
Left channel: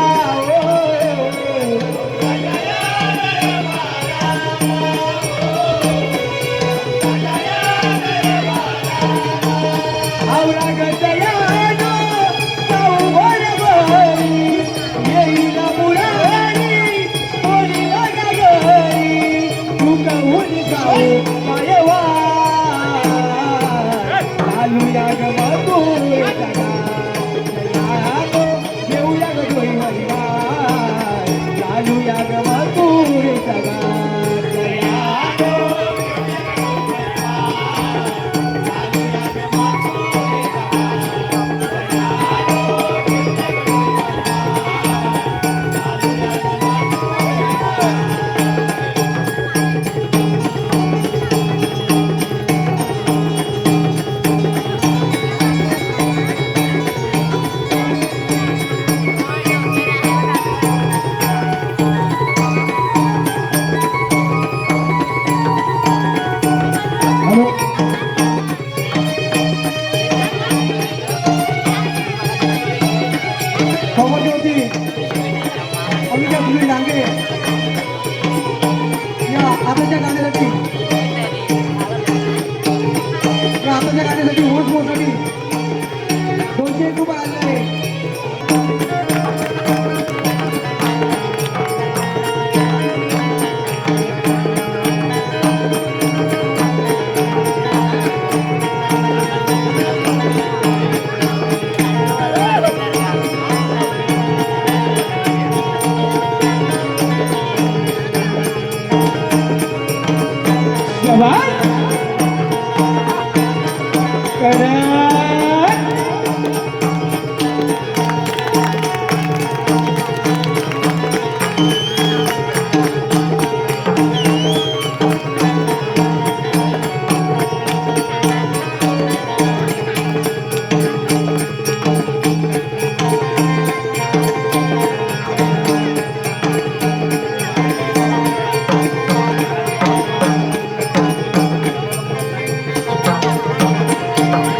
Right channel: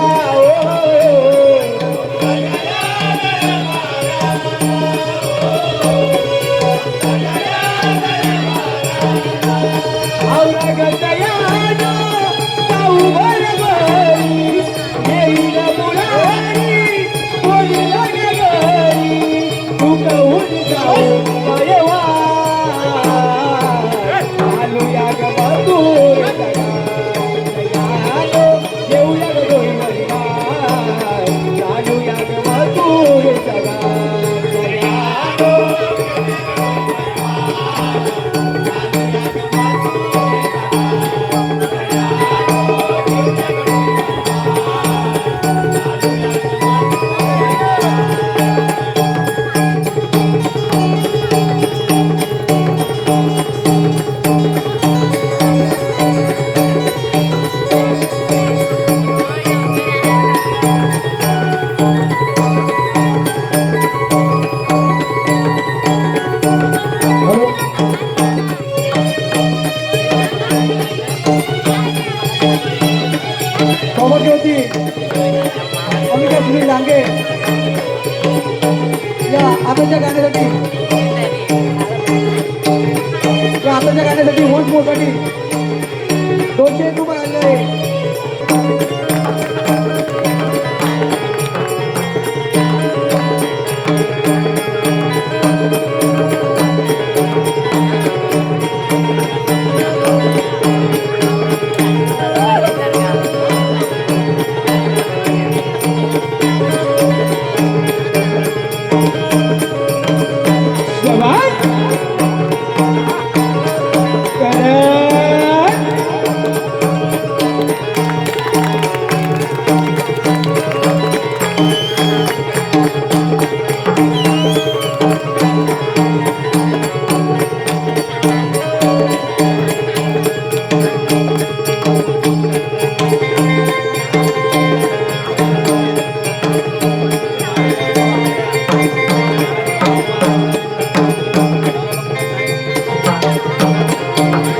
गाण्यासाठी वोट मोसाठी 201 रुपये आले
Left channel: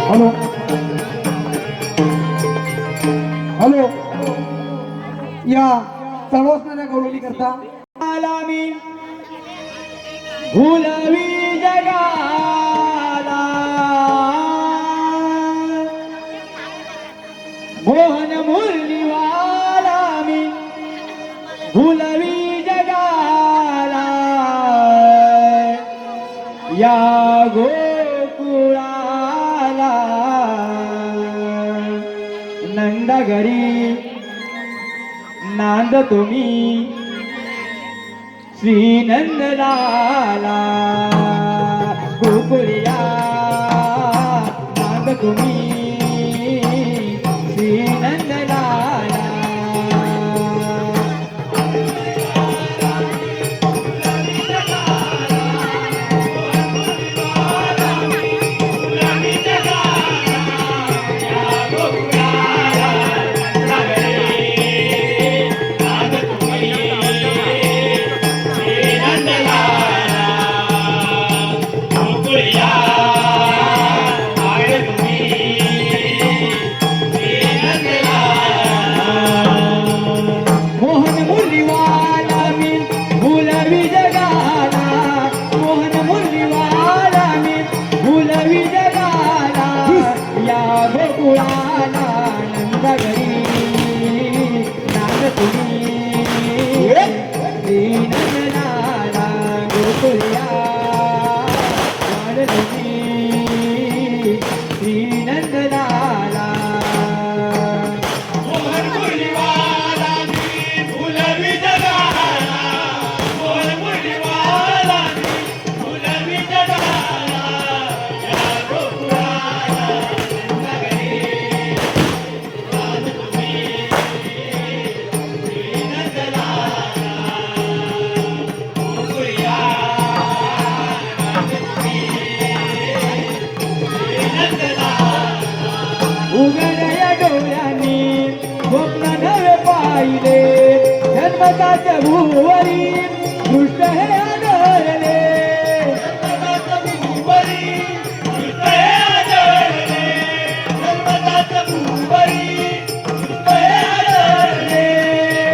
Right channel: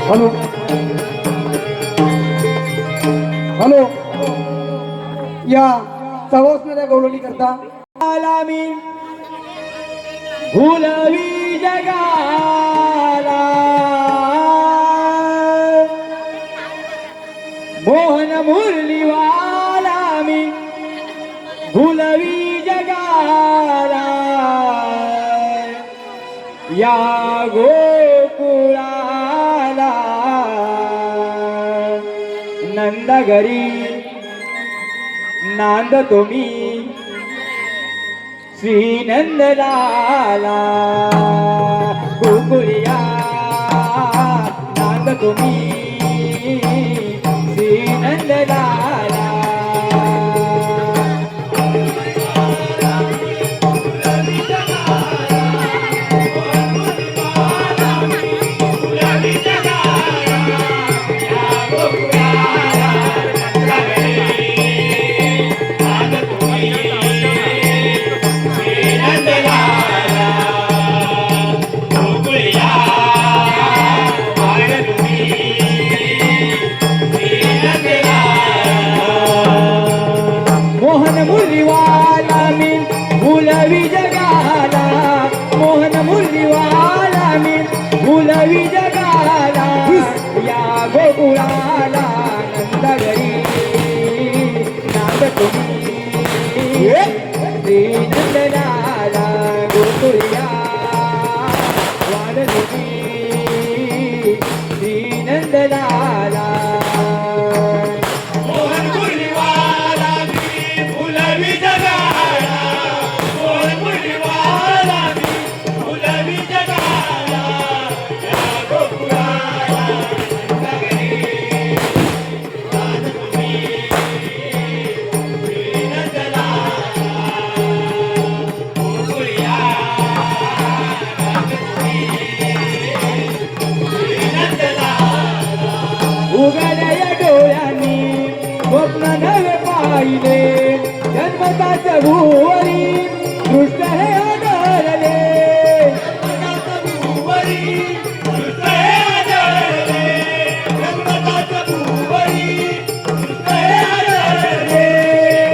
हॅलो हॅलो या सवासणाऱ्या गवळणी करता आला मी भुलवी जगाला मोहन मुरलीवाला मी भुलवी जगाला या गोकुळाला नंदगरी नांदतो मी श्री नंदलाला गोकुळिया नांद तुम्ही श्री नंदलाला मोहन मुरलीवाला मी भुलवी जगाला मोहन मुरलीवाला मी भुलवी जगाला या गोकुळाला नंदगरी नाद तुम्ही श्री नंदलाला गोकुळया वाड तुम्ही श्री नंदलाला उघडया डोळ्यांनी स्वप्न नवे पाहिले जन्मताच भुवरी दृष्ट हे आढळले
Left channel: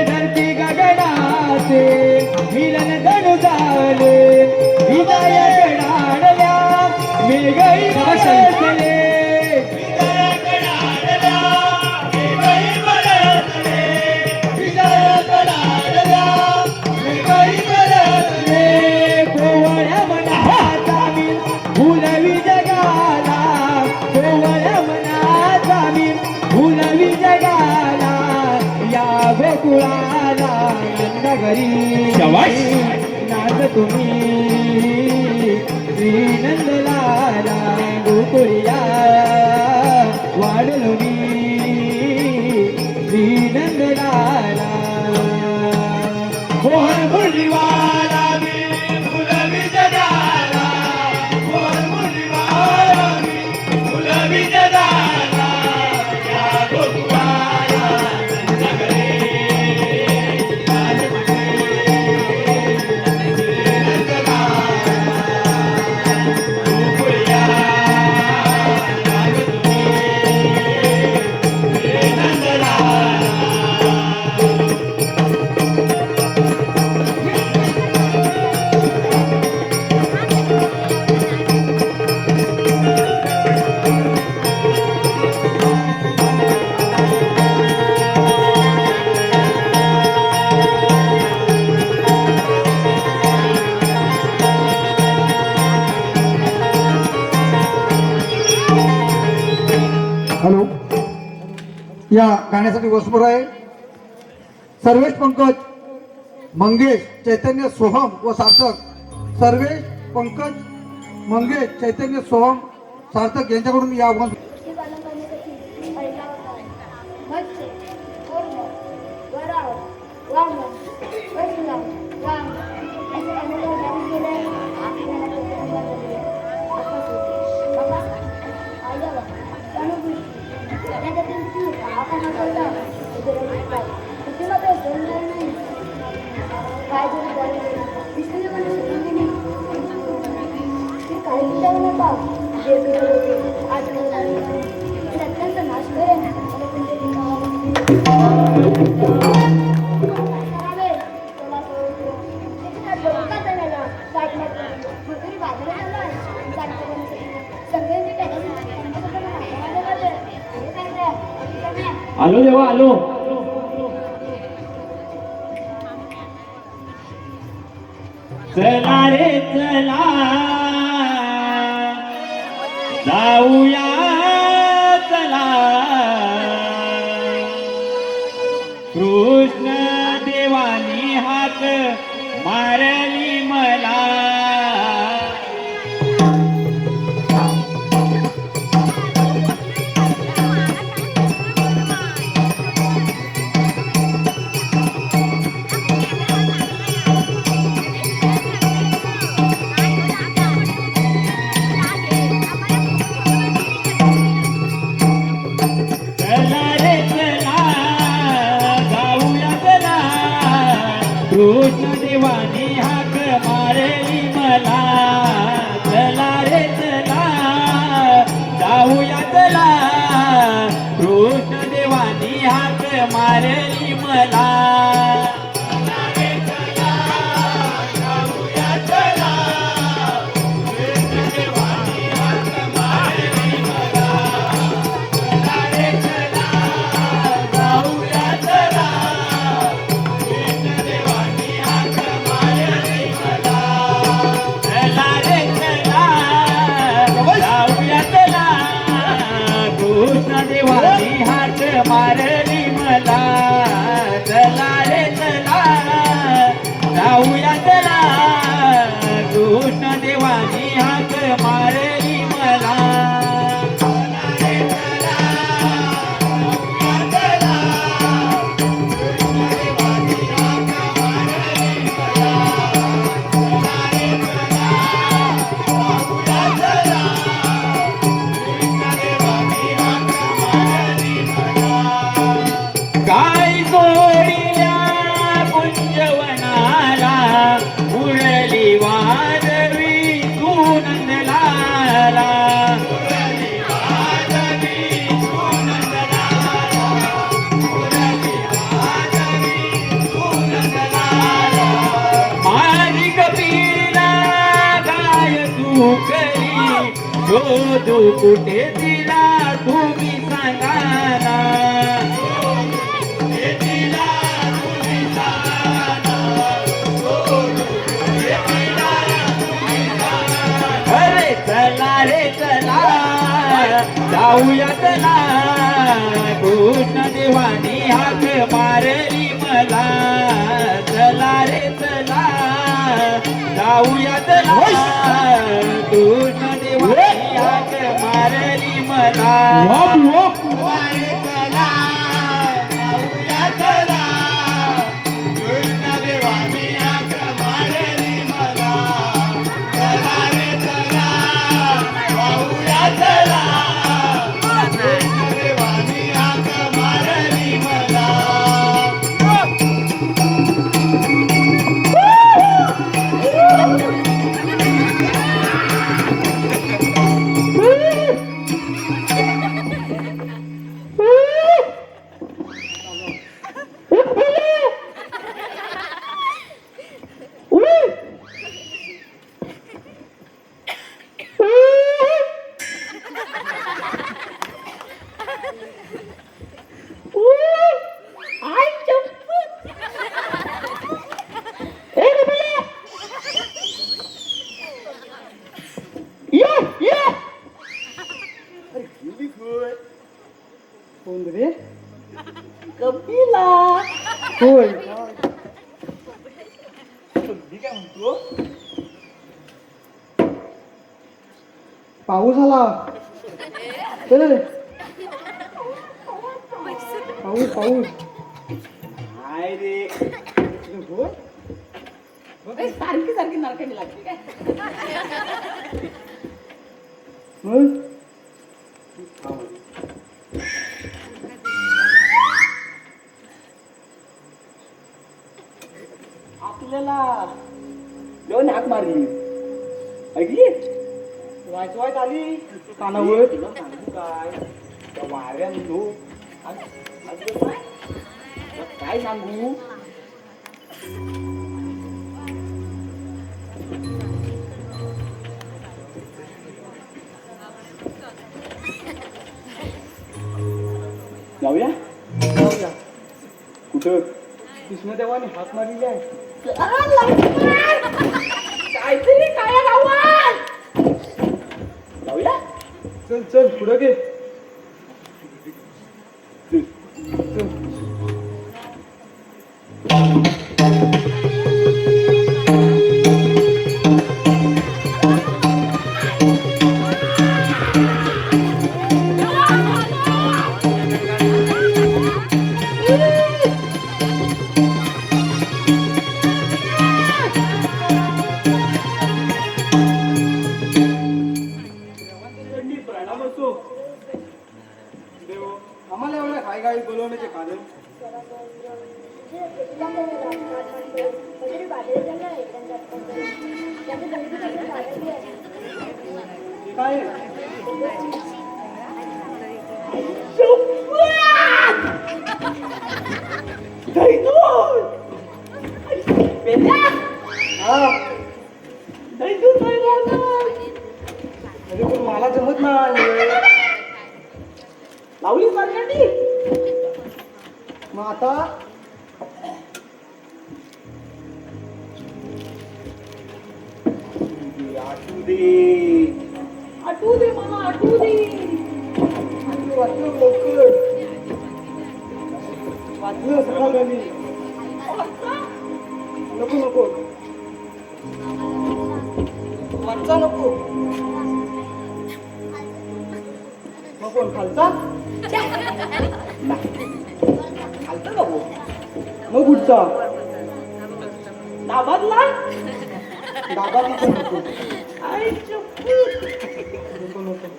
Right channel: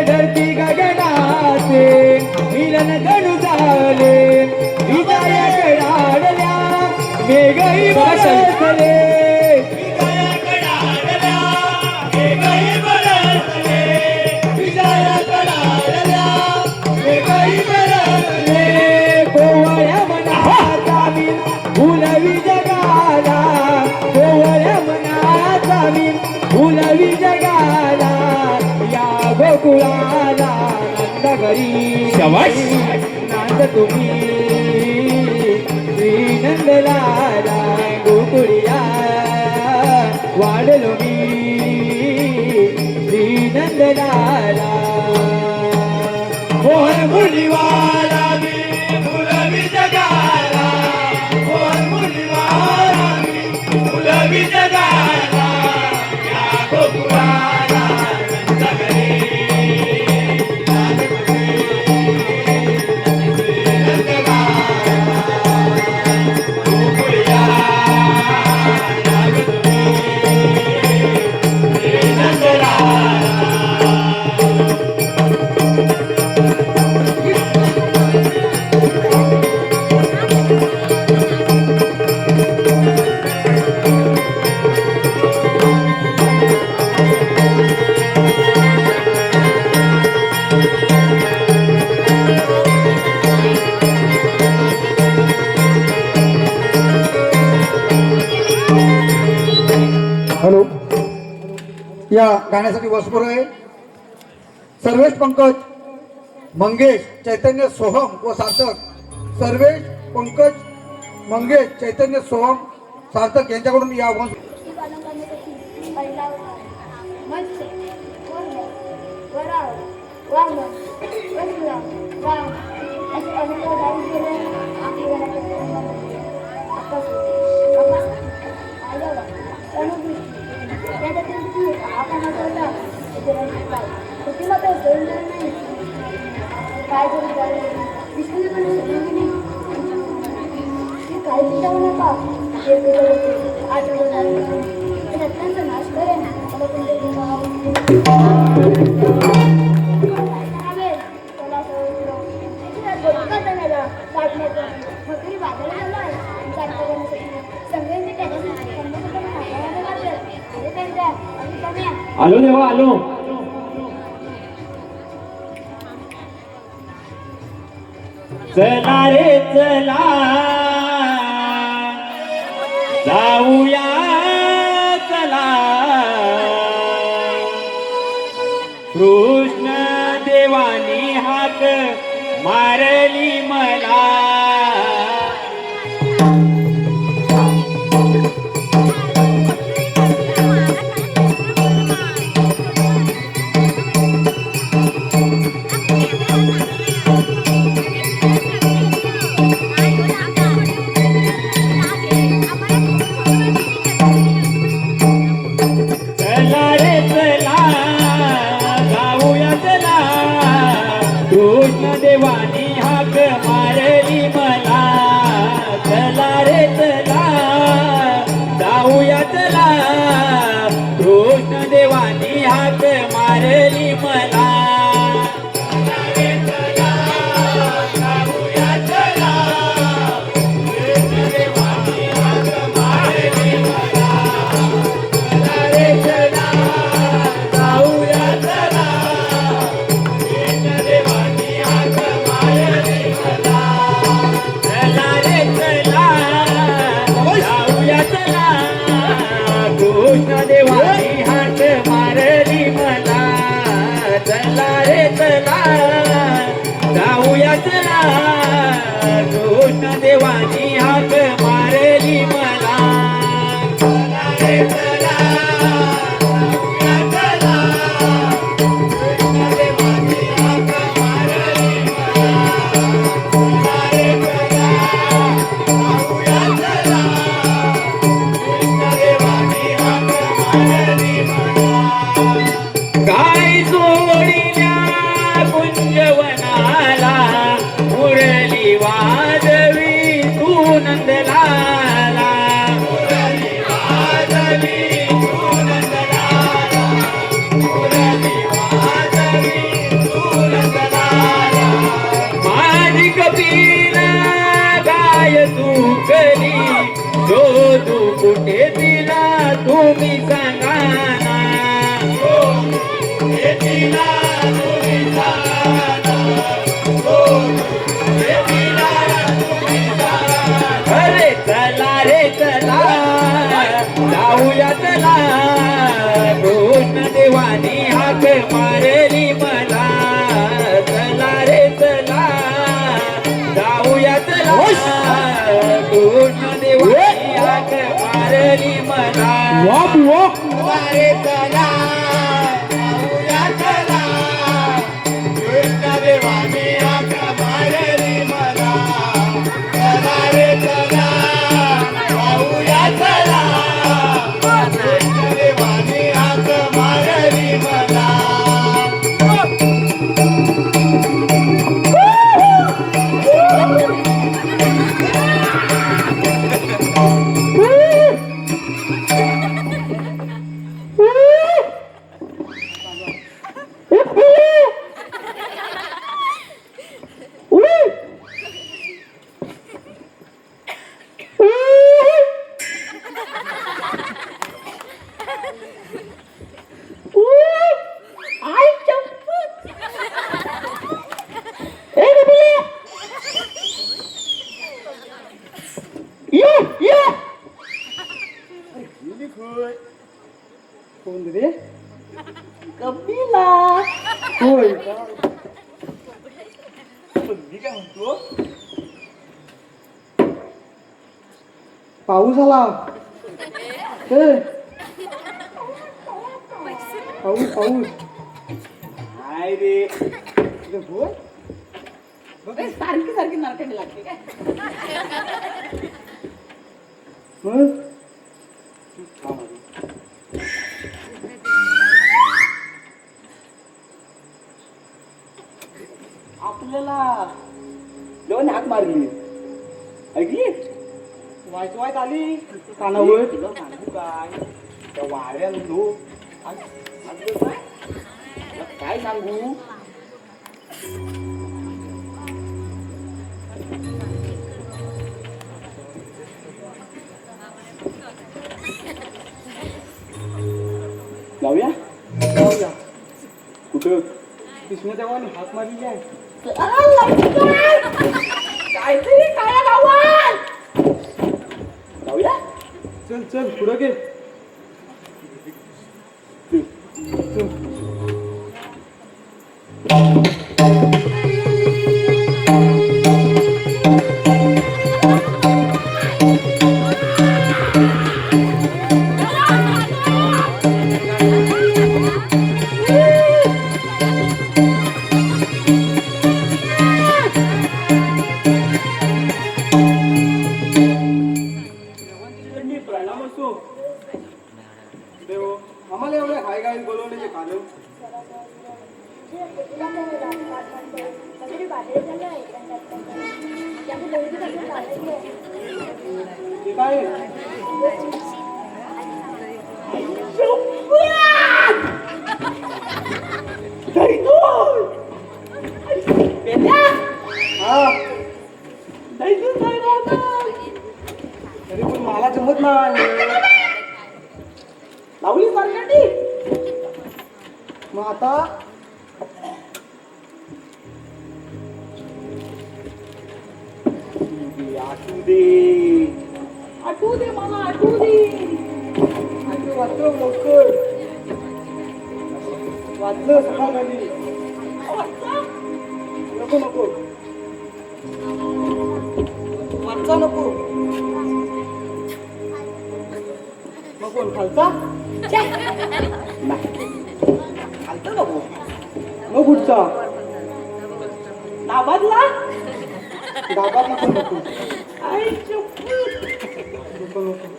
धरती गगनाचे मिलन जणू झाले हृदय कडाडल्या मेघही बसले कोवळ्या मनाचा मी भुलवी जगाला कोवळ्या मनाचा मी भुलवी जगाला या गोकुळाला नंदगरी नाद तुम्ही श्री नंदलाला गोकुळिया वाढलो मी श्री नंदलाला मोहन मुरलीवाला हॅलो या गाण्यासाठी वसपूर आहे सर्वेश पंकज मंगेश चैतन्य सोहम व सार्थक सर्वेश पंकज मंगेश चैतन्य सोहम सार्थक यांच्याकडून या वंश आलो देवा आलो चला रे चला जाऊया चला कृष्ण देवानी हाक मारली मला देवानी हाक मारली मला काय जोडील्या कुंजवनाला मुरली वाजवी तू नंदलाला माझी कपिला गाय तू करी शोधू कुठे तिला तुम्ही सांगा अरे चला रे चला जाऊया चला कृष्ण देवानी हाक मारली मला चला रे चला जाऊया चला कृष्ण देवानी हाक मारली मला चला रे चला जाऊया चला कृष्ण देवानी हाक मारली मला चला रे चला जाऊया चला कृष्ण देवानी हाक मारली मला कोण रे कपिला होय का? मी काय म्हणतो पाऊस आला ए, पाऊस पाऊस नाही रे सारखी सारखी नारकांनी लागते काय मग आपल्याला दोन हाक मारली ऐकली वाईट वाईट आली कानावर तुला सांगू काय त्या वाऱ्यान तू काय सांगू लावूया कुठं कृष्णदेवाने हात मारलेली आहे काहीतरी काय लावूया चल चल पुढं घे चल आम्हाला एवढ्या घाई घाई बोलवण्याचे कारण ते काय मग आता आठवू दे मला, आठवू दे. वाचलं लवकर, वाचलं सकाळी. नको नको वाचचा नको नको खालचा खालचा नको मग पुढचा नाबादला डाबा नको आई चुप्पी. नको नको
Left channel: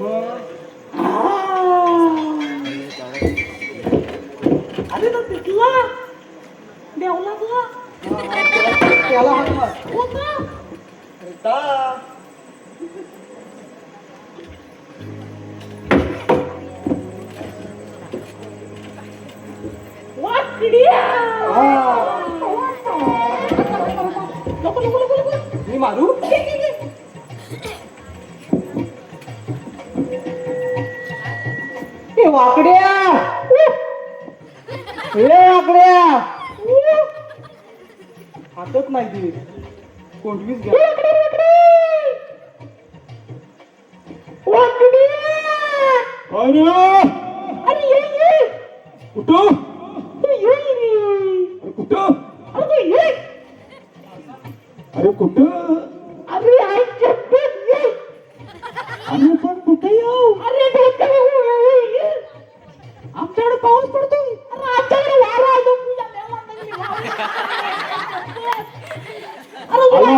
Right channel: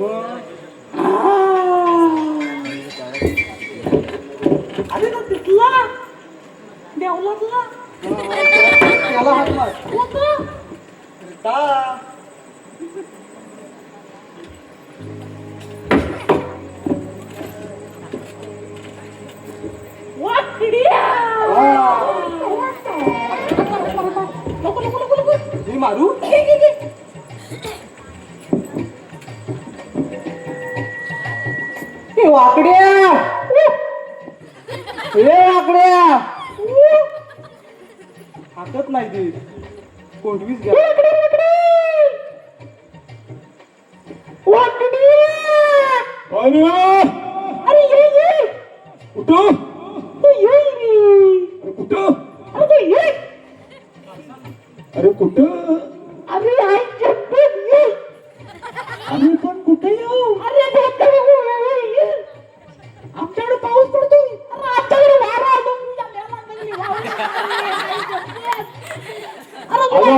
मग अरे ना तिथला देवला तुला त्याला हात मार का वाकड्या. हा. नको नको नको नको. मी मारू ए वाकड्या, ए वाकड्या. हातच नाही ती कोंडवीच घ्या अरे ये ये. कुठं तू ये रे. अरे कुठं अरे तू ये. अरे कुठं अरे आई चप्पल ये. अरे पण कुठे येऊ अरे डोक्याला ये. आमच्याकडे पाऊस पडतो. अरे आमच्याकडे वारा आला. आलो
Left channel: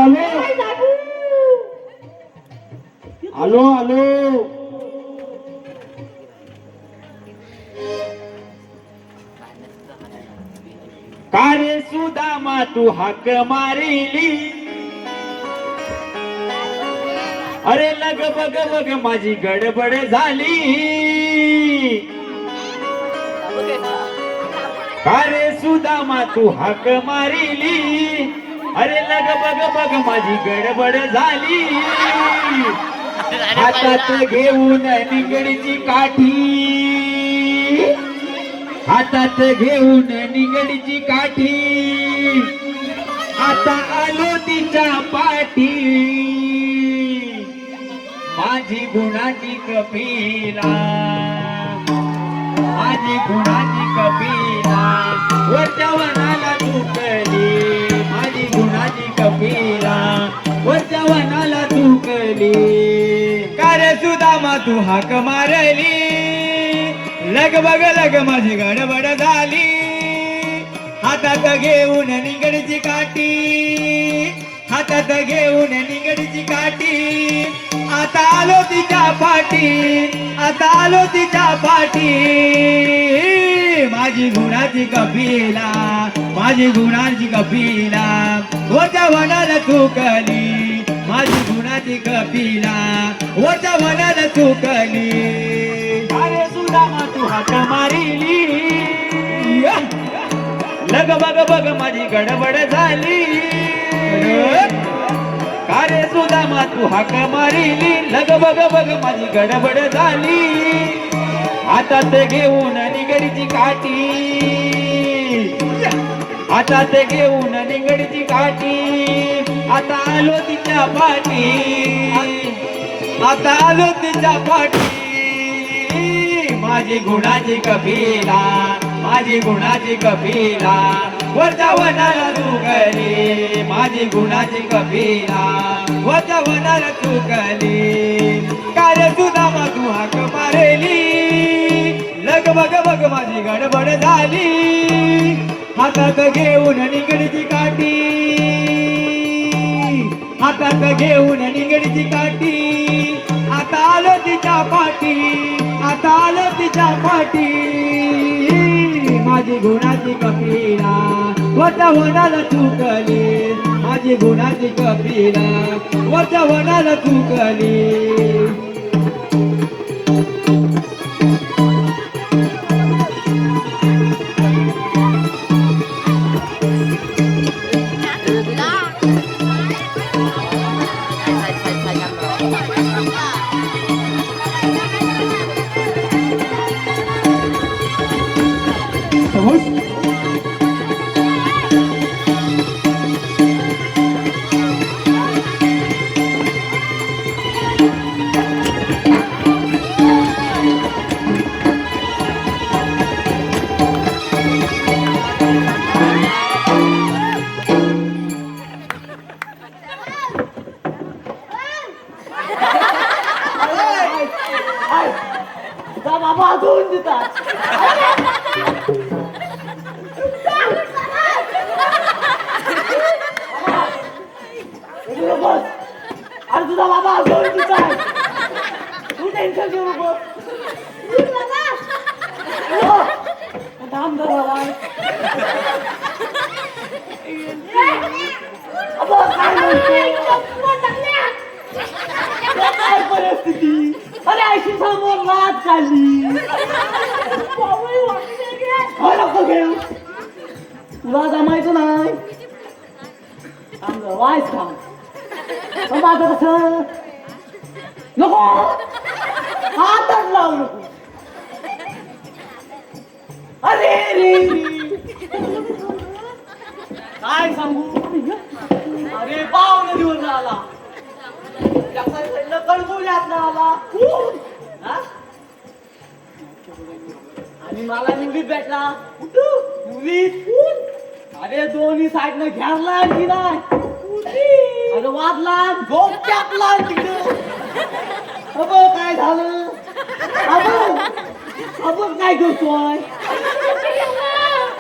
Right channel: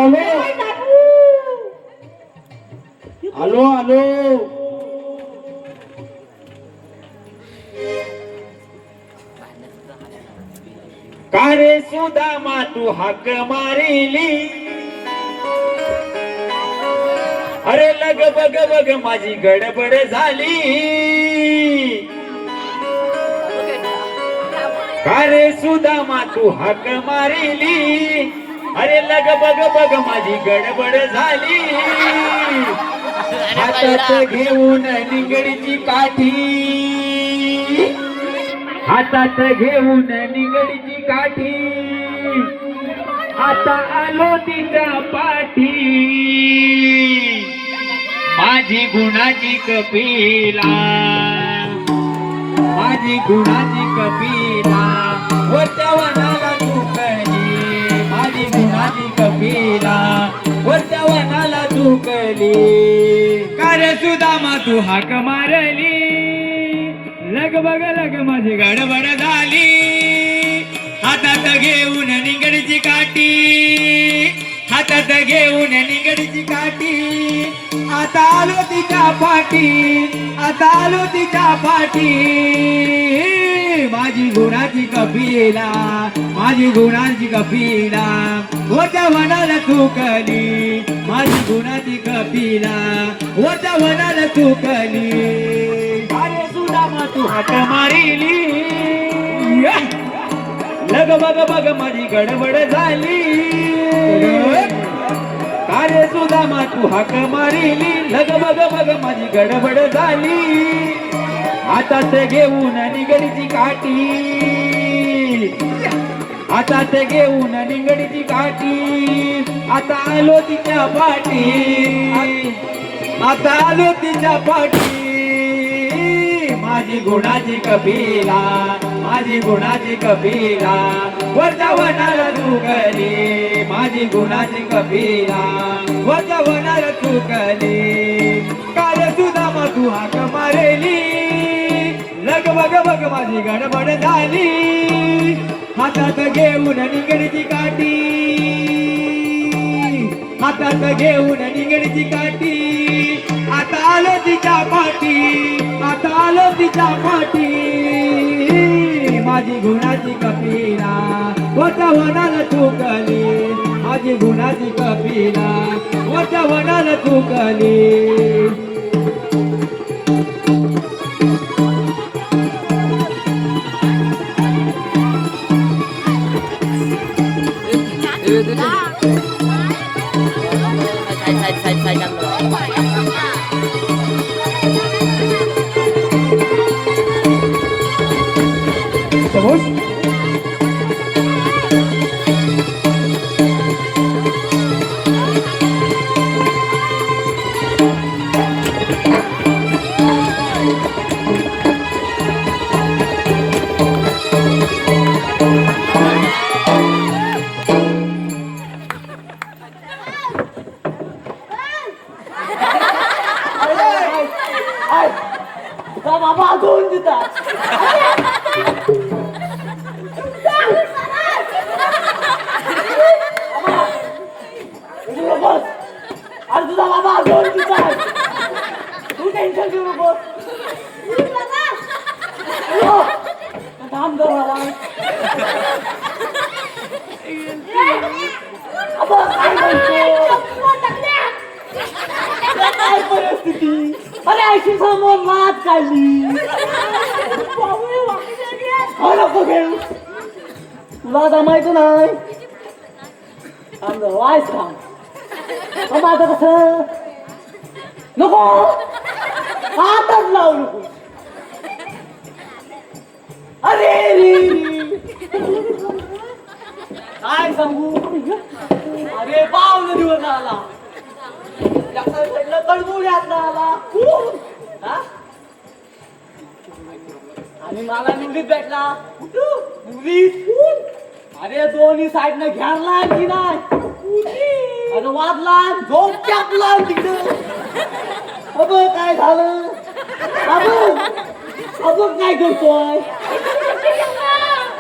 आलो आलो का रे सुदामा तू हाक मारिली. अरे लग बग बग माझी गडबड झाली. का रे सुदामा तू हाक मारिली. अरे लग बग बग माझी गडबड झाली. हातात घेऊन निगडीची काठी. हातात घेऊन निगडीची काठी. आता आलो तिच्या पाठी. माझी गुणाची कपिला. माझी गुणाची कपिला. वरच्या वनाला झुकली. माझी गुणाची कपिला. वरच्या वनाला झुकली. का रे सुदामा तू हाक मारली. लग बग लग माझी गडबड झाली. हातात घेऊन निगडीची काठी. हातात घेऊन निगडीची काठी. आता आलो तिच्या पाठी. आता आलो तिच्या पाठी. माझी गुणाची कपिला. माझी गुणाची कपिला. ओच्या वनाला चुकली. माझी गुणाची कपिला. ओच्या वनाला चुकली. अरे सुदामा तू हाक मारिली. लग बग बग माझी गडबड झाली. कार्य सुदामा तू हाक मारिली. लग बग बग माझी गडबड झाली. हातात घेऊन निगडीची काठी. हातात घेऊन निगडीची काठी. आता आलो तिच्या पाठी. आता आलो तिच्या पाठी. माझी गुणाची कपिला. माझी गुणाची कपिला. वरच्या वनाला चुकली. माझी गुणाची कपिला. वरच्या वनाला चुकली. काय सुदामा तू हाक मारली. लग बग बग माझी गडबड झाली. हातात घेऊन निगडीची काठी. हातात घेऊन निगडीची काठी. आता आलो तिच्या पाठी. आता आलो तिच्या पाठी. माझी गुणाची कपिला. वरच्या वनाला चुकली. माझी गुणाची कपिला. वरच्या वनाला चुकली. तुला जमायचं नाही अंदर वायच का मग आता कसं नको हातच लावू नको अरे काय सांगू अरे पावलं दिवस आला कडबुड्यात आला हा? आणि मला निवडीत भेटला निवडीत अरे दोन्ही साईडनं घ्यारला की नाही अरे वाजला दोन चापला तिकडे अब काय झालं अब काय करतोय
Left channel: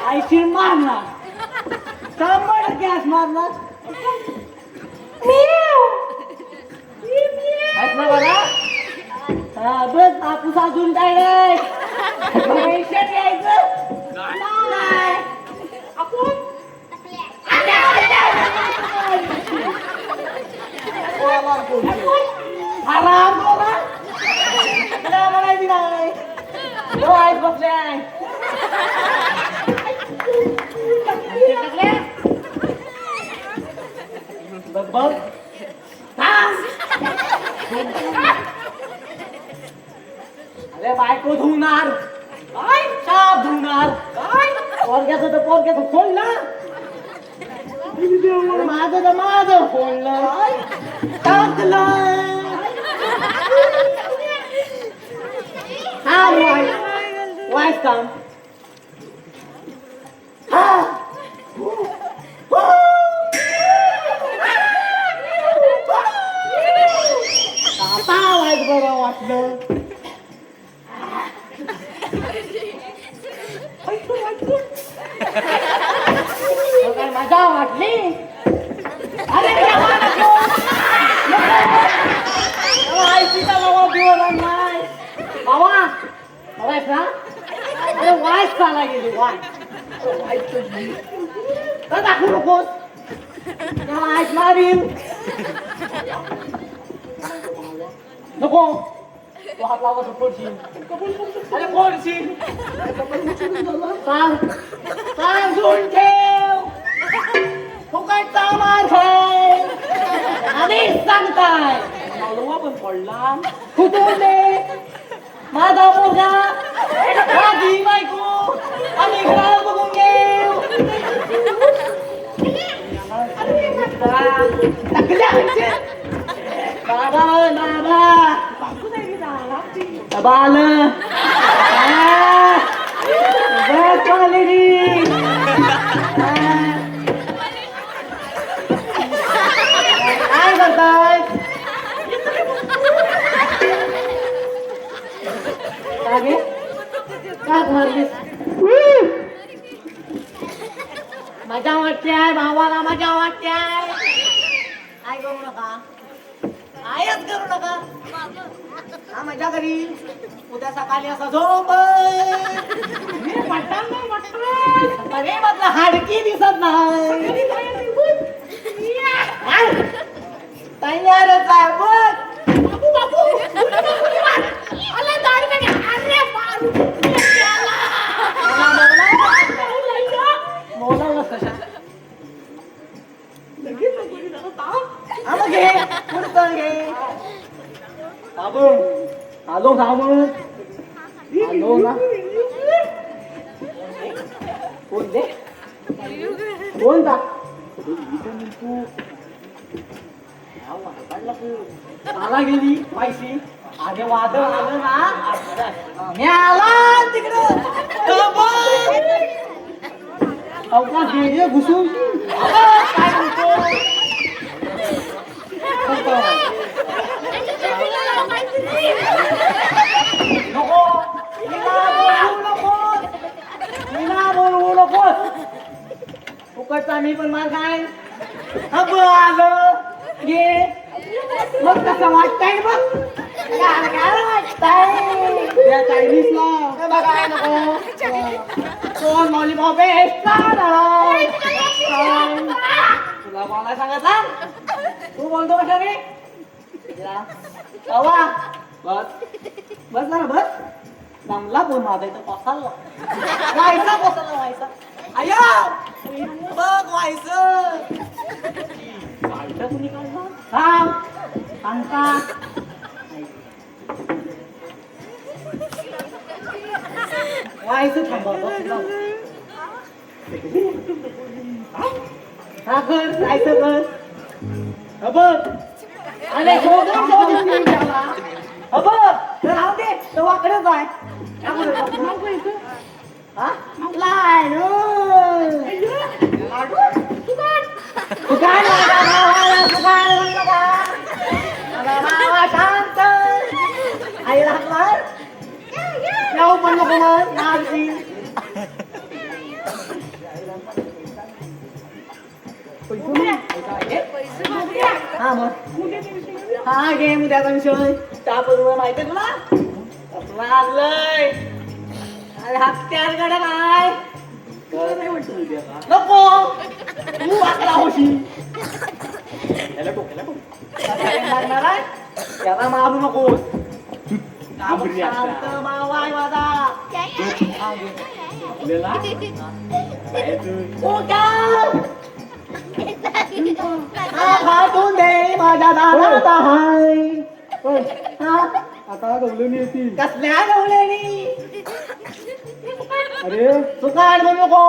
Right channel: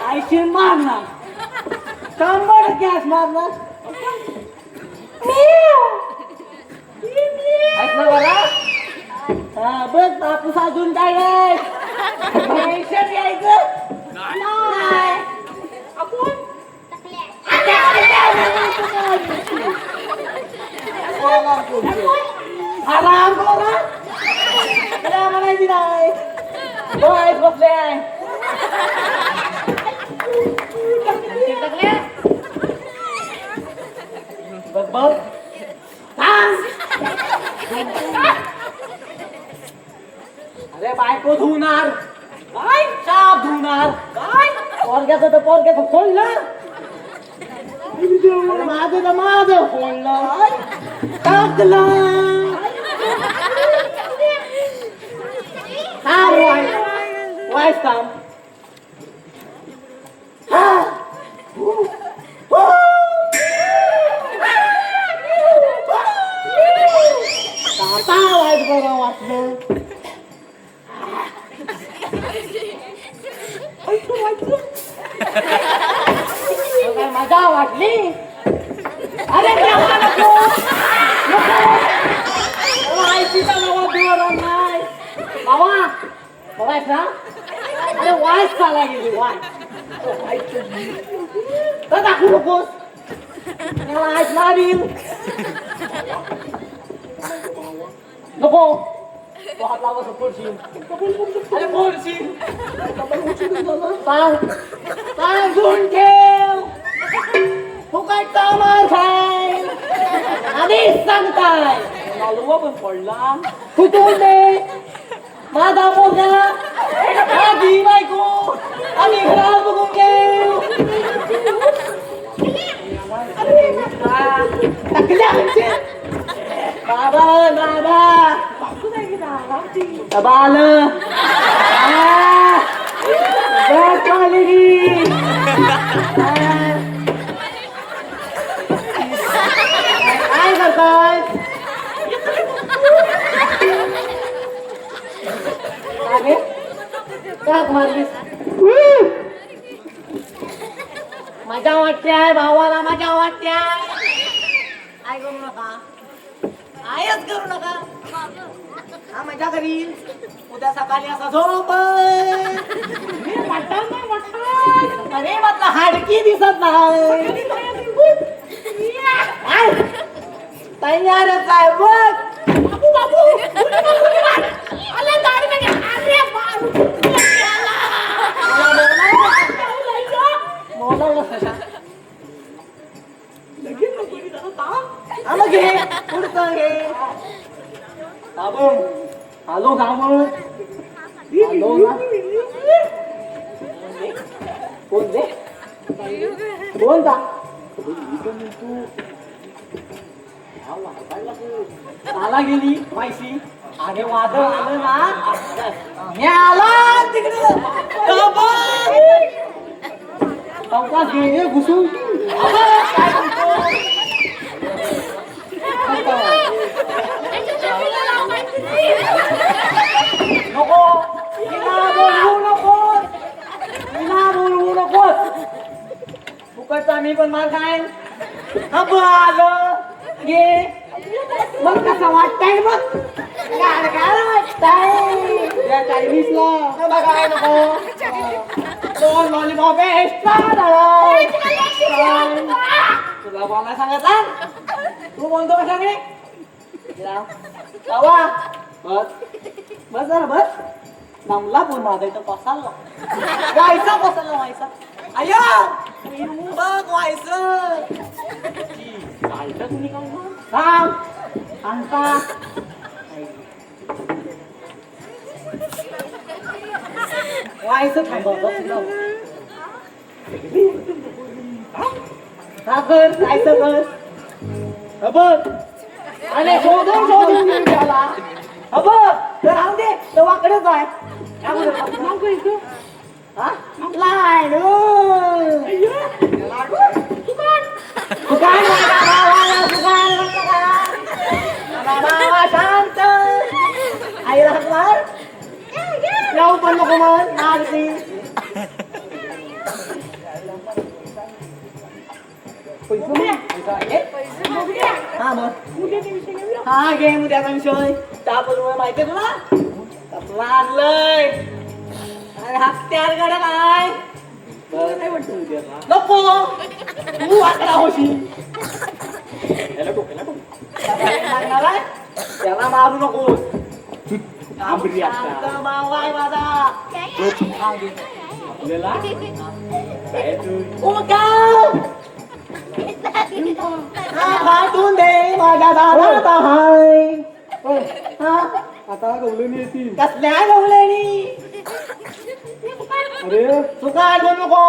आयशी मारणार 100 गॅस मारणार ऐक ना बघा हा बस कापूस अजून काय नाही पेशंट यायचं नाही आपण आराम बोला काय म्हणायची नाही बस बसले आहे बस बस अरे बायको धुणार काय साप धुणार काय पोरग्याचं तर पोरग्याचं खोललं माझं तर माझं खोललं टाकलं हा वाईस काम वाटलं मजा वाटली अरे वाईस ना अरे वाईस चाला गेली वाईस दाखवू नकोस वाईस मारील नको अरे पोरशील सांगून ठेव फुकटचा मार खाय आधीच सांगताय मालवा पण पडला कुठे माझा पोगा माझी बायको आणि घरा बघून घेऊ बाबा बाबा बाल काय करताय मजा वाटते आहे भावाला मजा वाटते आहे काय करू नका आयच करू नका हा मजा करील उद्या सकाळी असा झोप अरे म्हटलं हाडकी दिसत नाही तयारच आहे बोलवलं कशा घे पुढचं घे हॅलो साबण हॅलो ना कोण दे कोण जा तू आला गेली माहिती अरे वादळ आलं ना मी आला तिकडं गेले घुसून नको फुकटचा मी पण मार खाय आलं ये मग कसं वाटतंय बघ दोन लॉलीपॉप तुला बोलायला सांगायचा तू बोलतो कशाने बस बस जरा बस नमला बोल माझा इथं पसाला व्हायचा पसाला व्हायचा अय्या बघ व्हायचं हा सांगता व्हायचं हा कर जायचं कर बघ अरे शोधून शोधून घेऊन गेला बघ तर राहून दे तवाकडे जाय नाव काय तू? हा लाडू दुकान शांत आई राहणार येऊ पण नको मग लागते हा मग हा घे उद्याचा विषय त्याबरोबर माहिती आहे तुला कसला आणलंय अरे हत्यार गड काय नको तू वाचला होशी त्याला मारू नको शांत मावाय माझा फाटून दे माझ्या दादा हाय आता गवलणी येतील. कसल्या गवलेनी अरे तू काय करू नको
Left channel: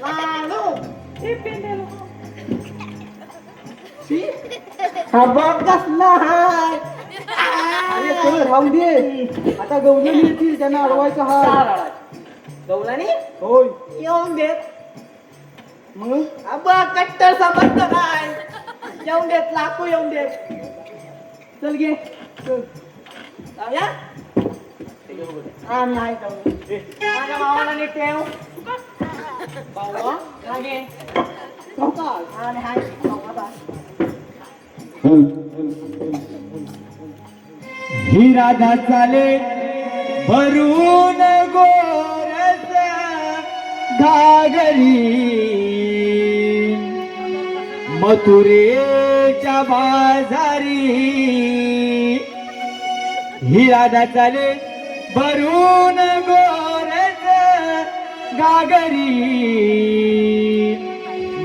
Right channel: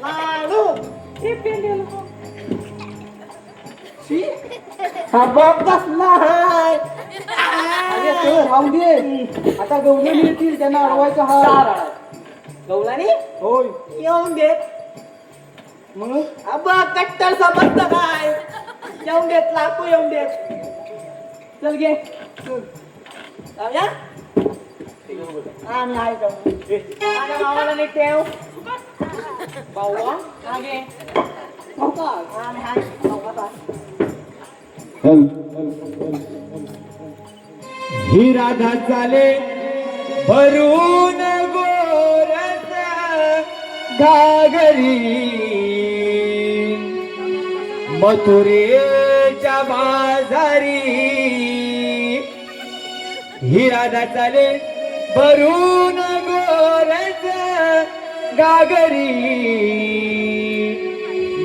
लाडू हा बघ कसला हाय अरे सर राहू दे. आता गवलणी येतील त्यांना अडवायचं हा. गवलानी होय येऊन देत मग बघ कट्टर समजत काय येऊन देत लाकू येऊन देत चल घे जाऊया आम्ही आहे जाऊ माझ्या मावाला नीट ठेव भाऊ हा घे आम्ही आहे ही राधा चाले भरून गोरस घागरी मथुरेच्या बाजारी ही राधा चाले भरून गोरस गागरी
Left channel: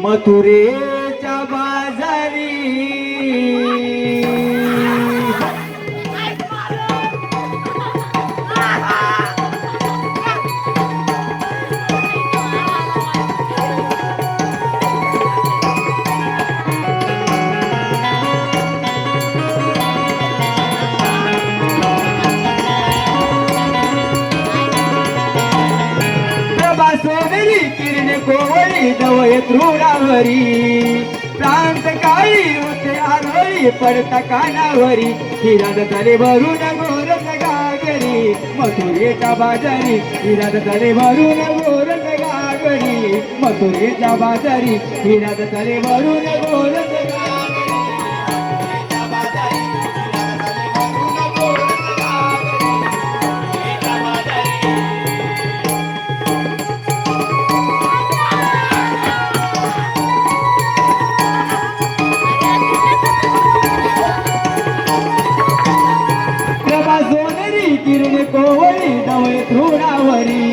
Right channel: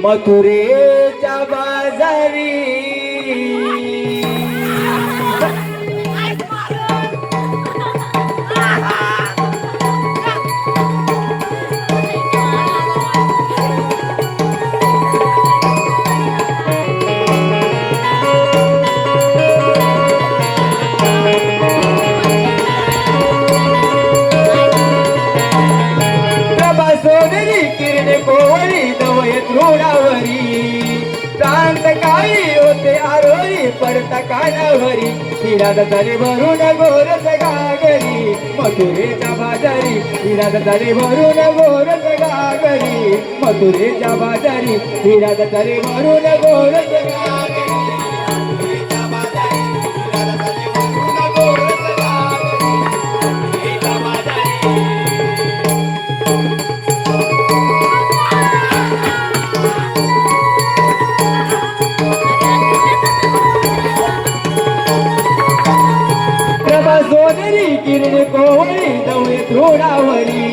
मथुरेच्या बाजारी सोनेरी किरणे कोवळी दवय तृणावरी प्रांत काही होते आरोळी पडता कानावरी हिराग तले भरून गोरस गागरी मथुरेच्या बाजारी हिराग तले भरून गोरस गागरी मथुरेच्या बाजारी हिराग तले भरून गोरस गागरी सोनेरी किरणे कोवळी दवय तृणावरी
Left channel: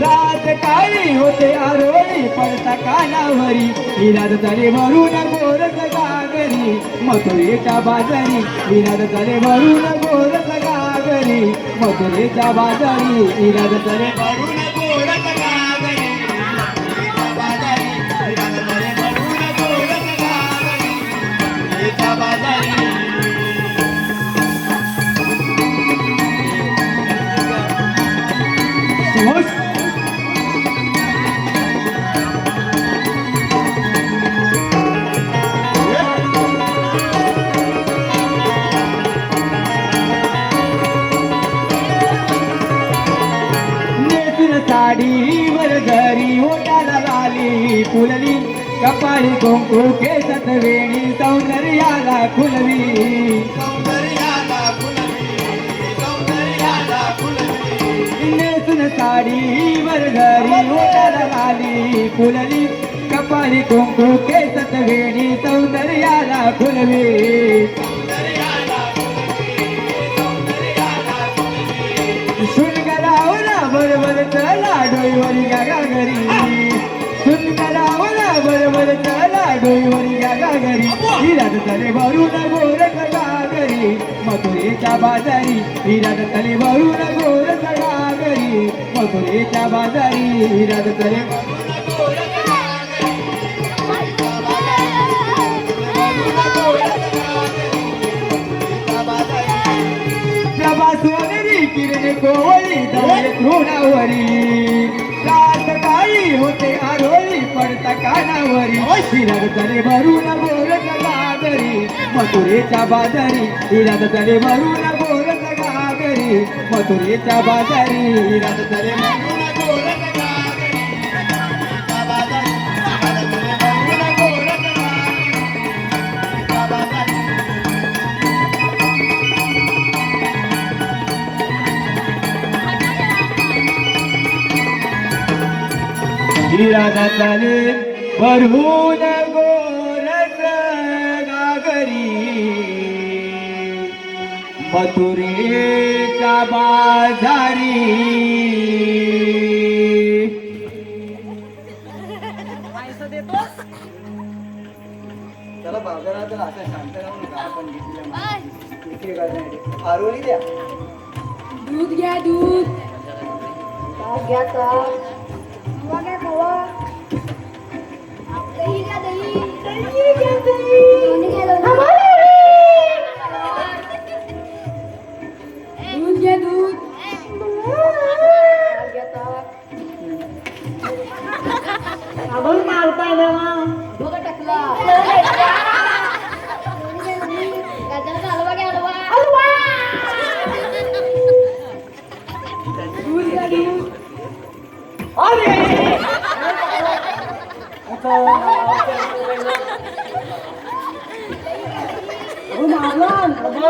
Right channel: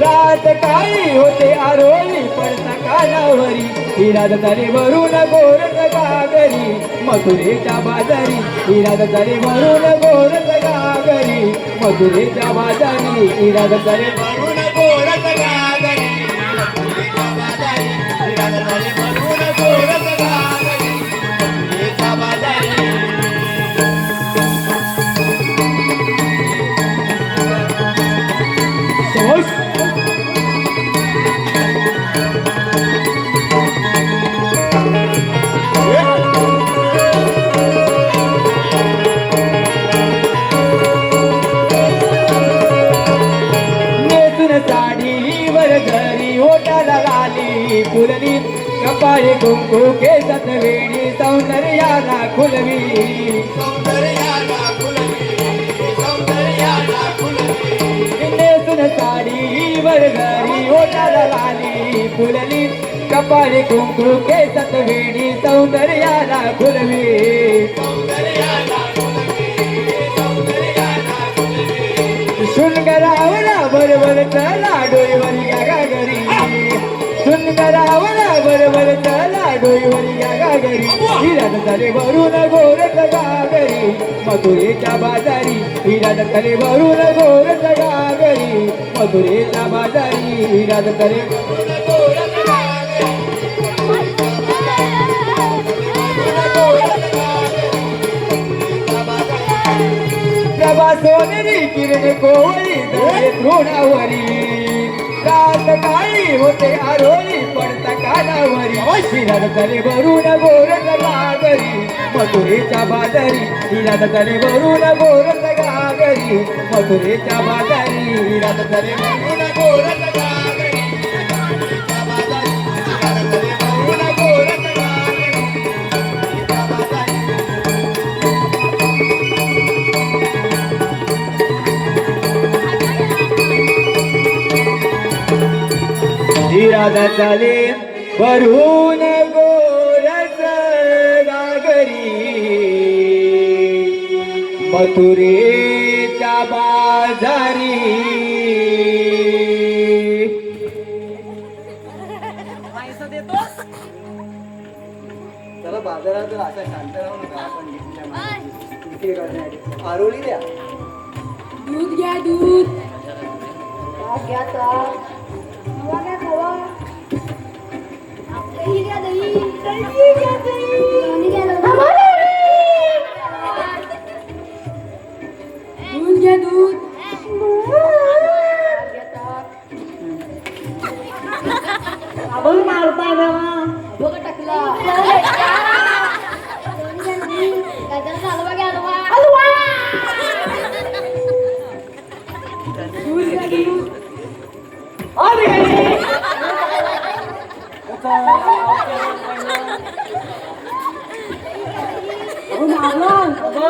रात काळी होते आरोळी पडता कानावरी हिराद तले भरून गोरस गागरी मथुरेच्या बाजारी हिराद तले भरून गोरस गागरी मथुरेच्या बाजारी हिराद तले भरून गोरस गागरी मथुरेच्या बाजारी हिराद तले भरून गोरस गागरी मथुरेच्या बाजारी फुलवी कपाळी कुंकू केसत वेणी सौंदर्याला खुलवी नेसून साडी वर घरी ओटाला लाली फुलवी कपाळी कुंकू केसत वेणी सौंदर्याला खुलवी शुल्क रावला बरोबर चला डोईवर गागरी मथुरेच्या बाजारी हिरा दत्तरे भरून गोर गागरी मथुरेच्या बाजारी हिरा दत्तरे प्रभा सोनेरी किरणे कोळी दौले तृणावरी रात काही होते आरोळी पडता कानावरी हिरा तले भरून गोर गागरी मथुरेच्या बाजारी हिरा तले भरून गोर गागरी मथुरेच्या बाजारी हिरा तले भरून गोर गागरी हिरा तले भरून गोरख गागरी मथुरेच्या बाजारी पैसा देतोस त्याला बाजारात जर असा शांत राहू नका आपण घेतलेल्या मालाची विक्री करण्यासाठी आरोळी द्या. दूध घ्या दूध दूध घ्या दूध आपण मारताय ना बघा टाकला गाजराचा हलवा घ्या हलवा दूध घ्या दूध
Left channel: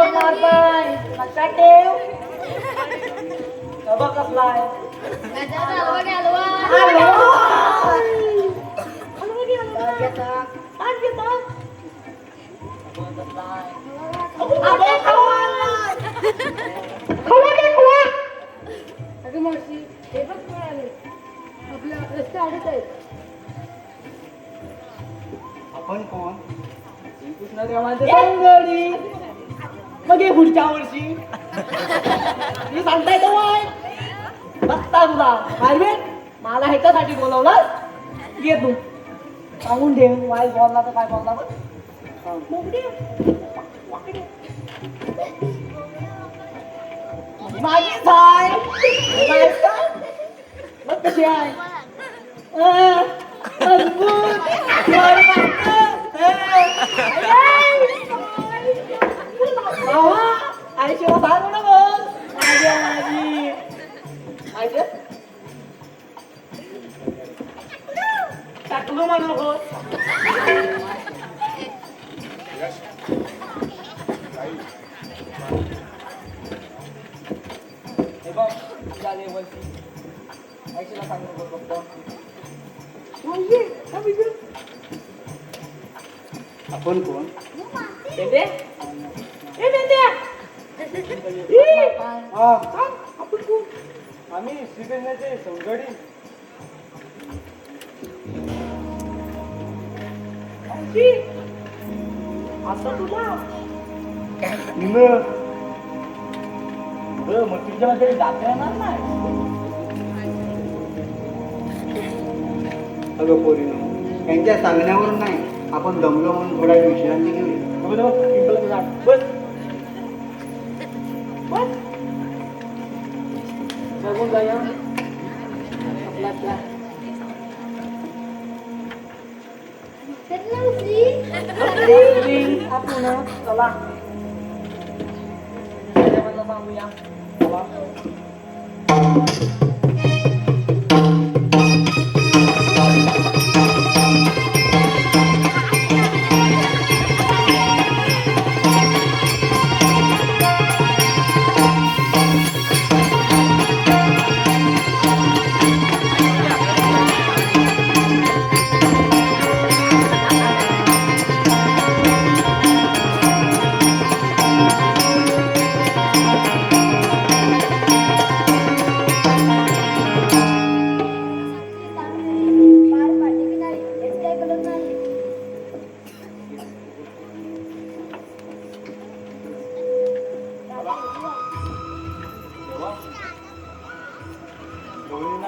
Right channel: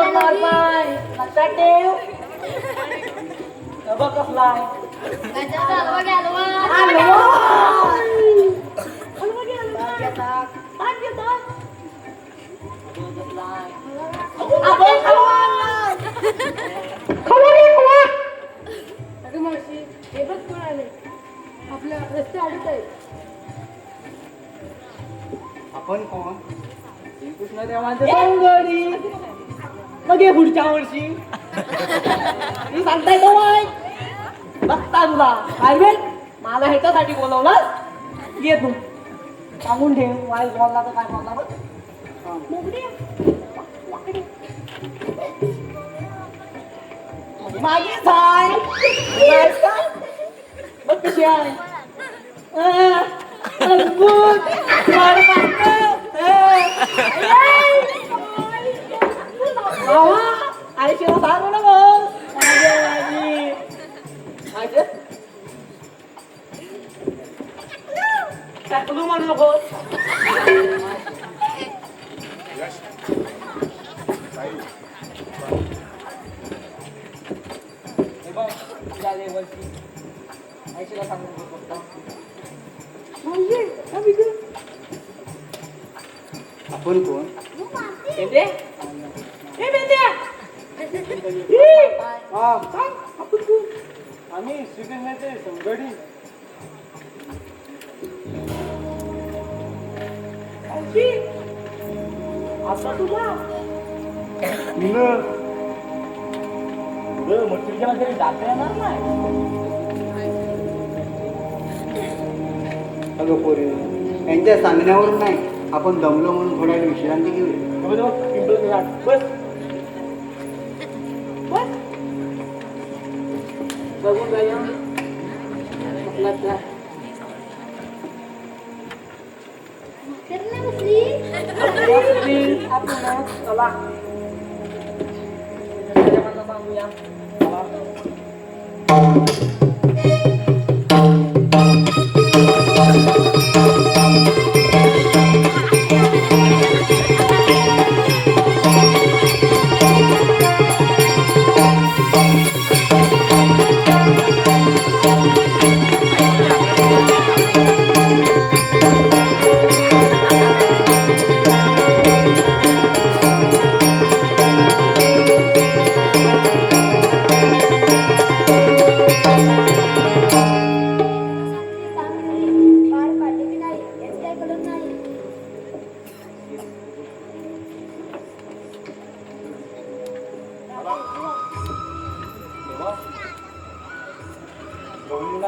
लक्षात ठेव बाबा कसलाय गाजराचा हलवा घ्या हलवा अगं मावशी हे बघ कोण आले आपला रस्ता अडत आहे आपण कोण? कृष्णदेवांची संगडी मग हे पुढच्या वर्षी मी सांगताय तो बघता तुला पाहिजे मला ह्याच्यासाठी बोलवलं ये तू सांगून ठेव माझी बोलला तर काय बोलला बघ माझीच आहे तुला आहेस का? बघ कशी आहे अद्भुत आयशी सांग ना टाकलो म्हणलो हो आपण कोण? आम्ही श्रीकृष्णाचे संगडी. तुझ्यामध्ये दाखवणार नाही अगं पोरीनो, यांच्या सांगण्यावरून नाही, आपण दमलो म्हणून थोडा वेळ विश्रांती घेऊया. बस बघून जाऊया चला सांगूया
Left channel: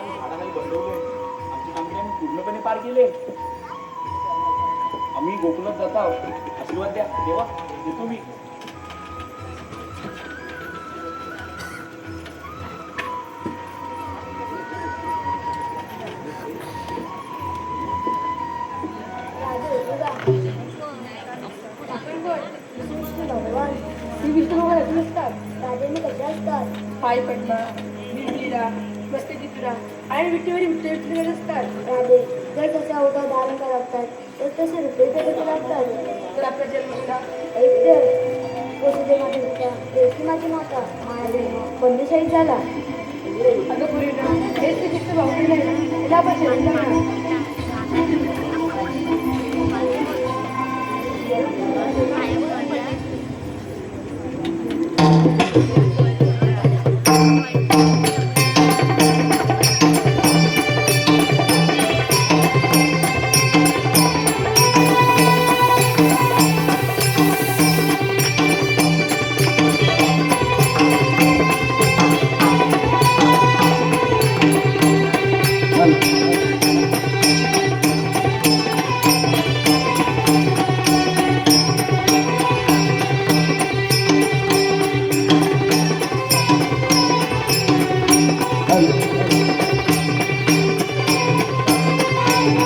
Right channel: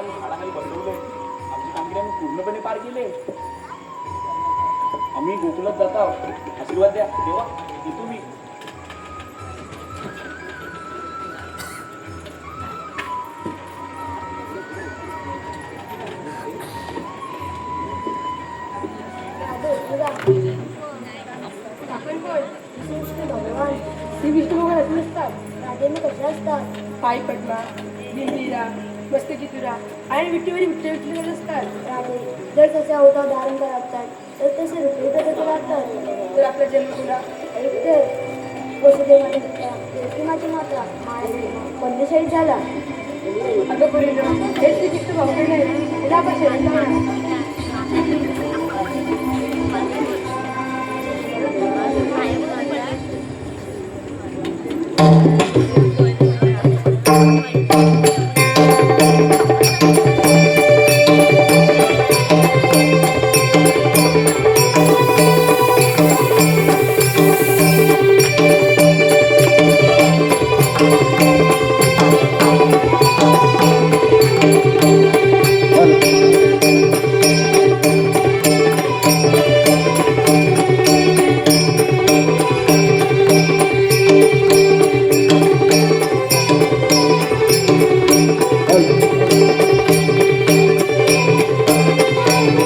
झाडाखाली बसवलंय आपली कामगिरी आम्ही पूर्णपणे पार केले. आम्ही गोकुलात जात आहोत. आशीर्वाद द्या देवा, देतो मी. श्री विष्णू भगवान नसतात. पाय पडला, भिंतीला, मस्तकी तुरा आणि विठ्ठल विठ्ठल असतात. जर तसे अवतार धारण करतात तर तसे रुपये पदक लागतात. तर आपला जन्म तुला माझी माता बंदशाही झाला. अगं परिणाम हे श्रीकृष्ण भावले नाही. याला आपण शरण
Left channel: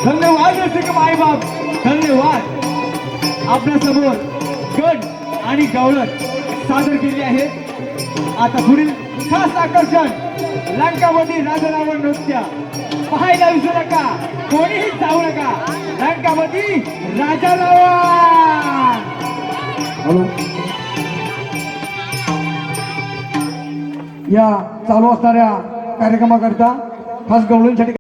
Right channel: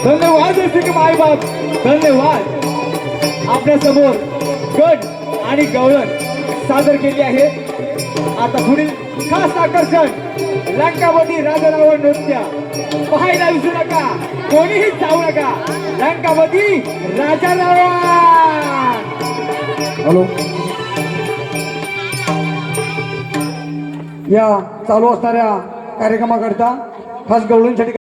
धन्यवाद रसिक मायबाप, धन्यवाद. आपल्या समोर गण आणि गवळण सादर केली आहे. आता पुढील खास आकर्षण लंकावती राजा रावण नृत्य पाहायला विसरू नका. कोणीही जाऊ नका. लंकावती राजा रावण. हॅलो, या चालू असणाऱ्या कार्यक्रमाकरता खास गवळींसाठी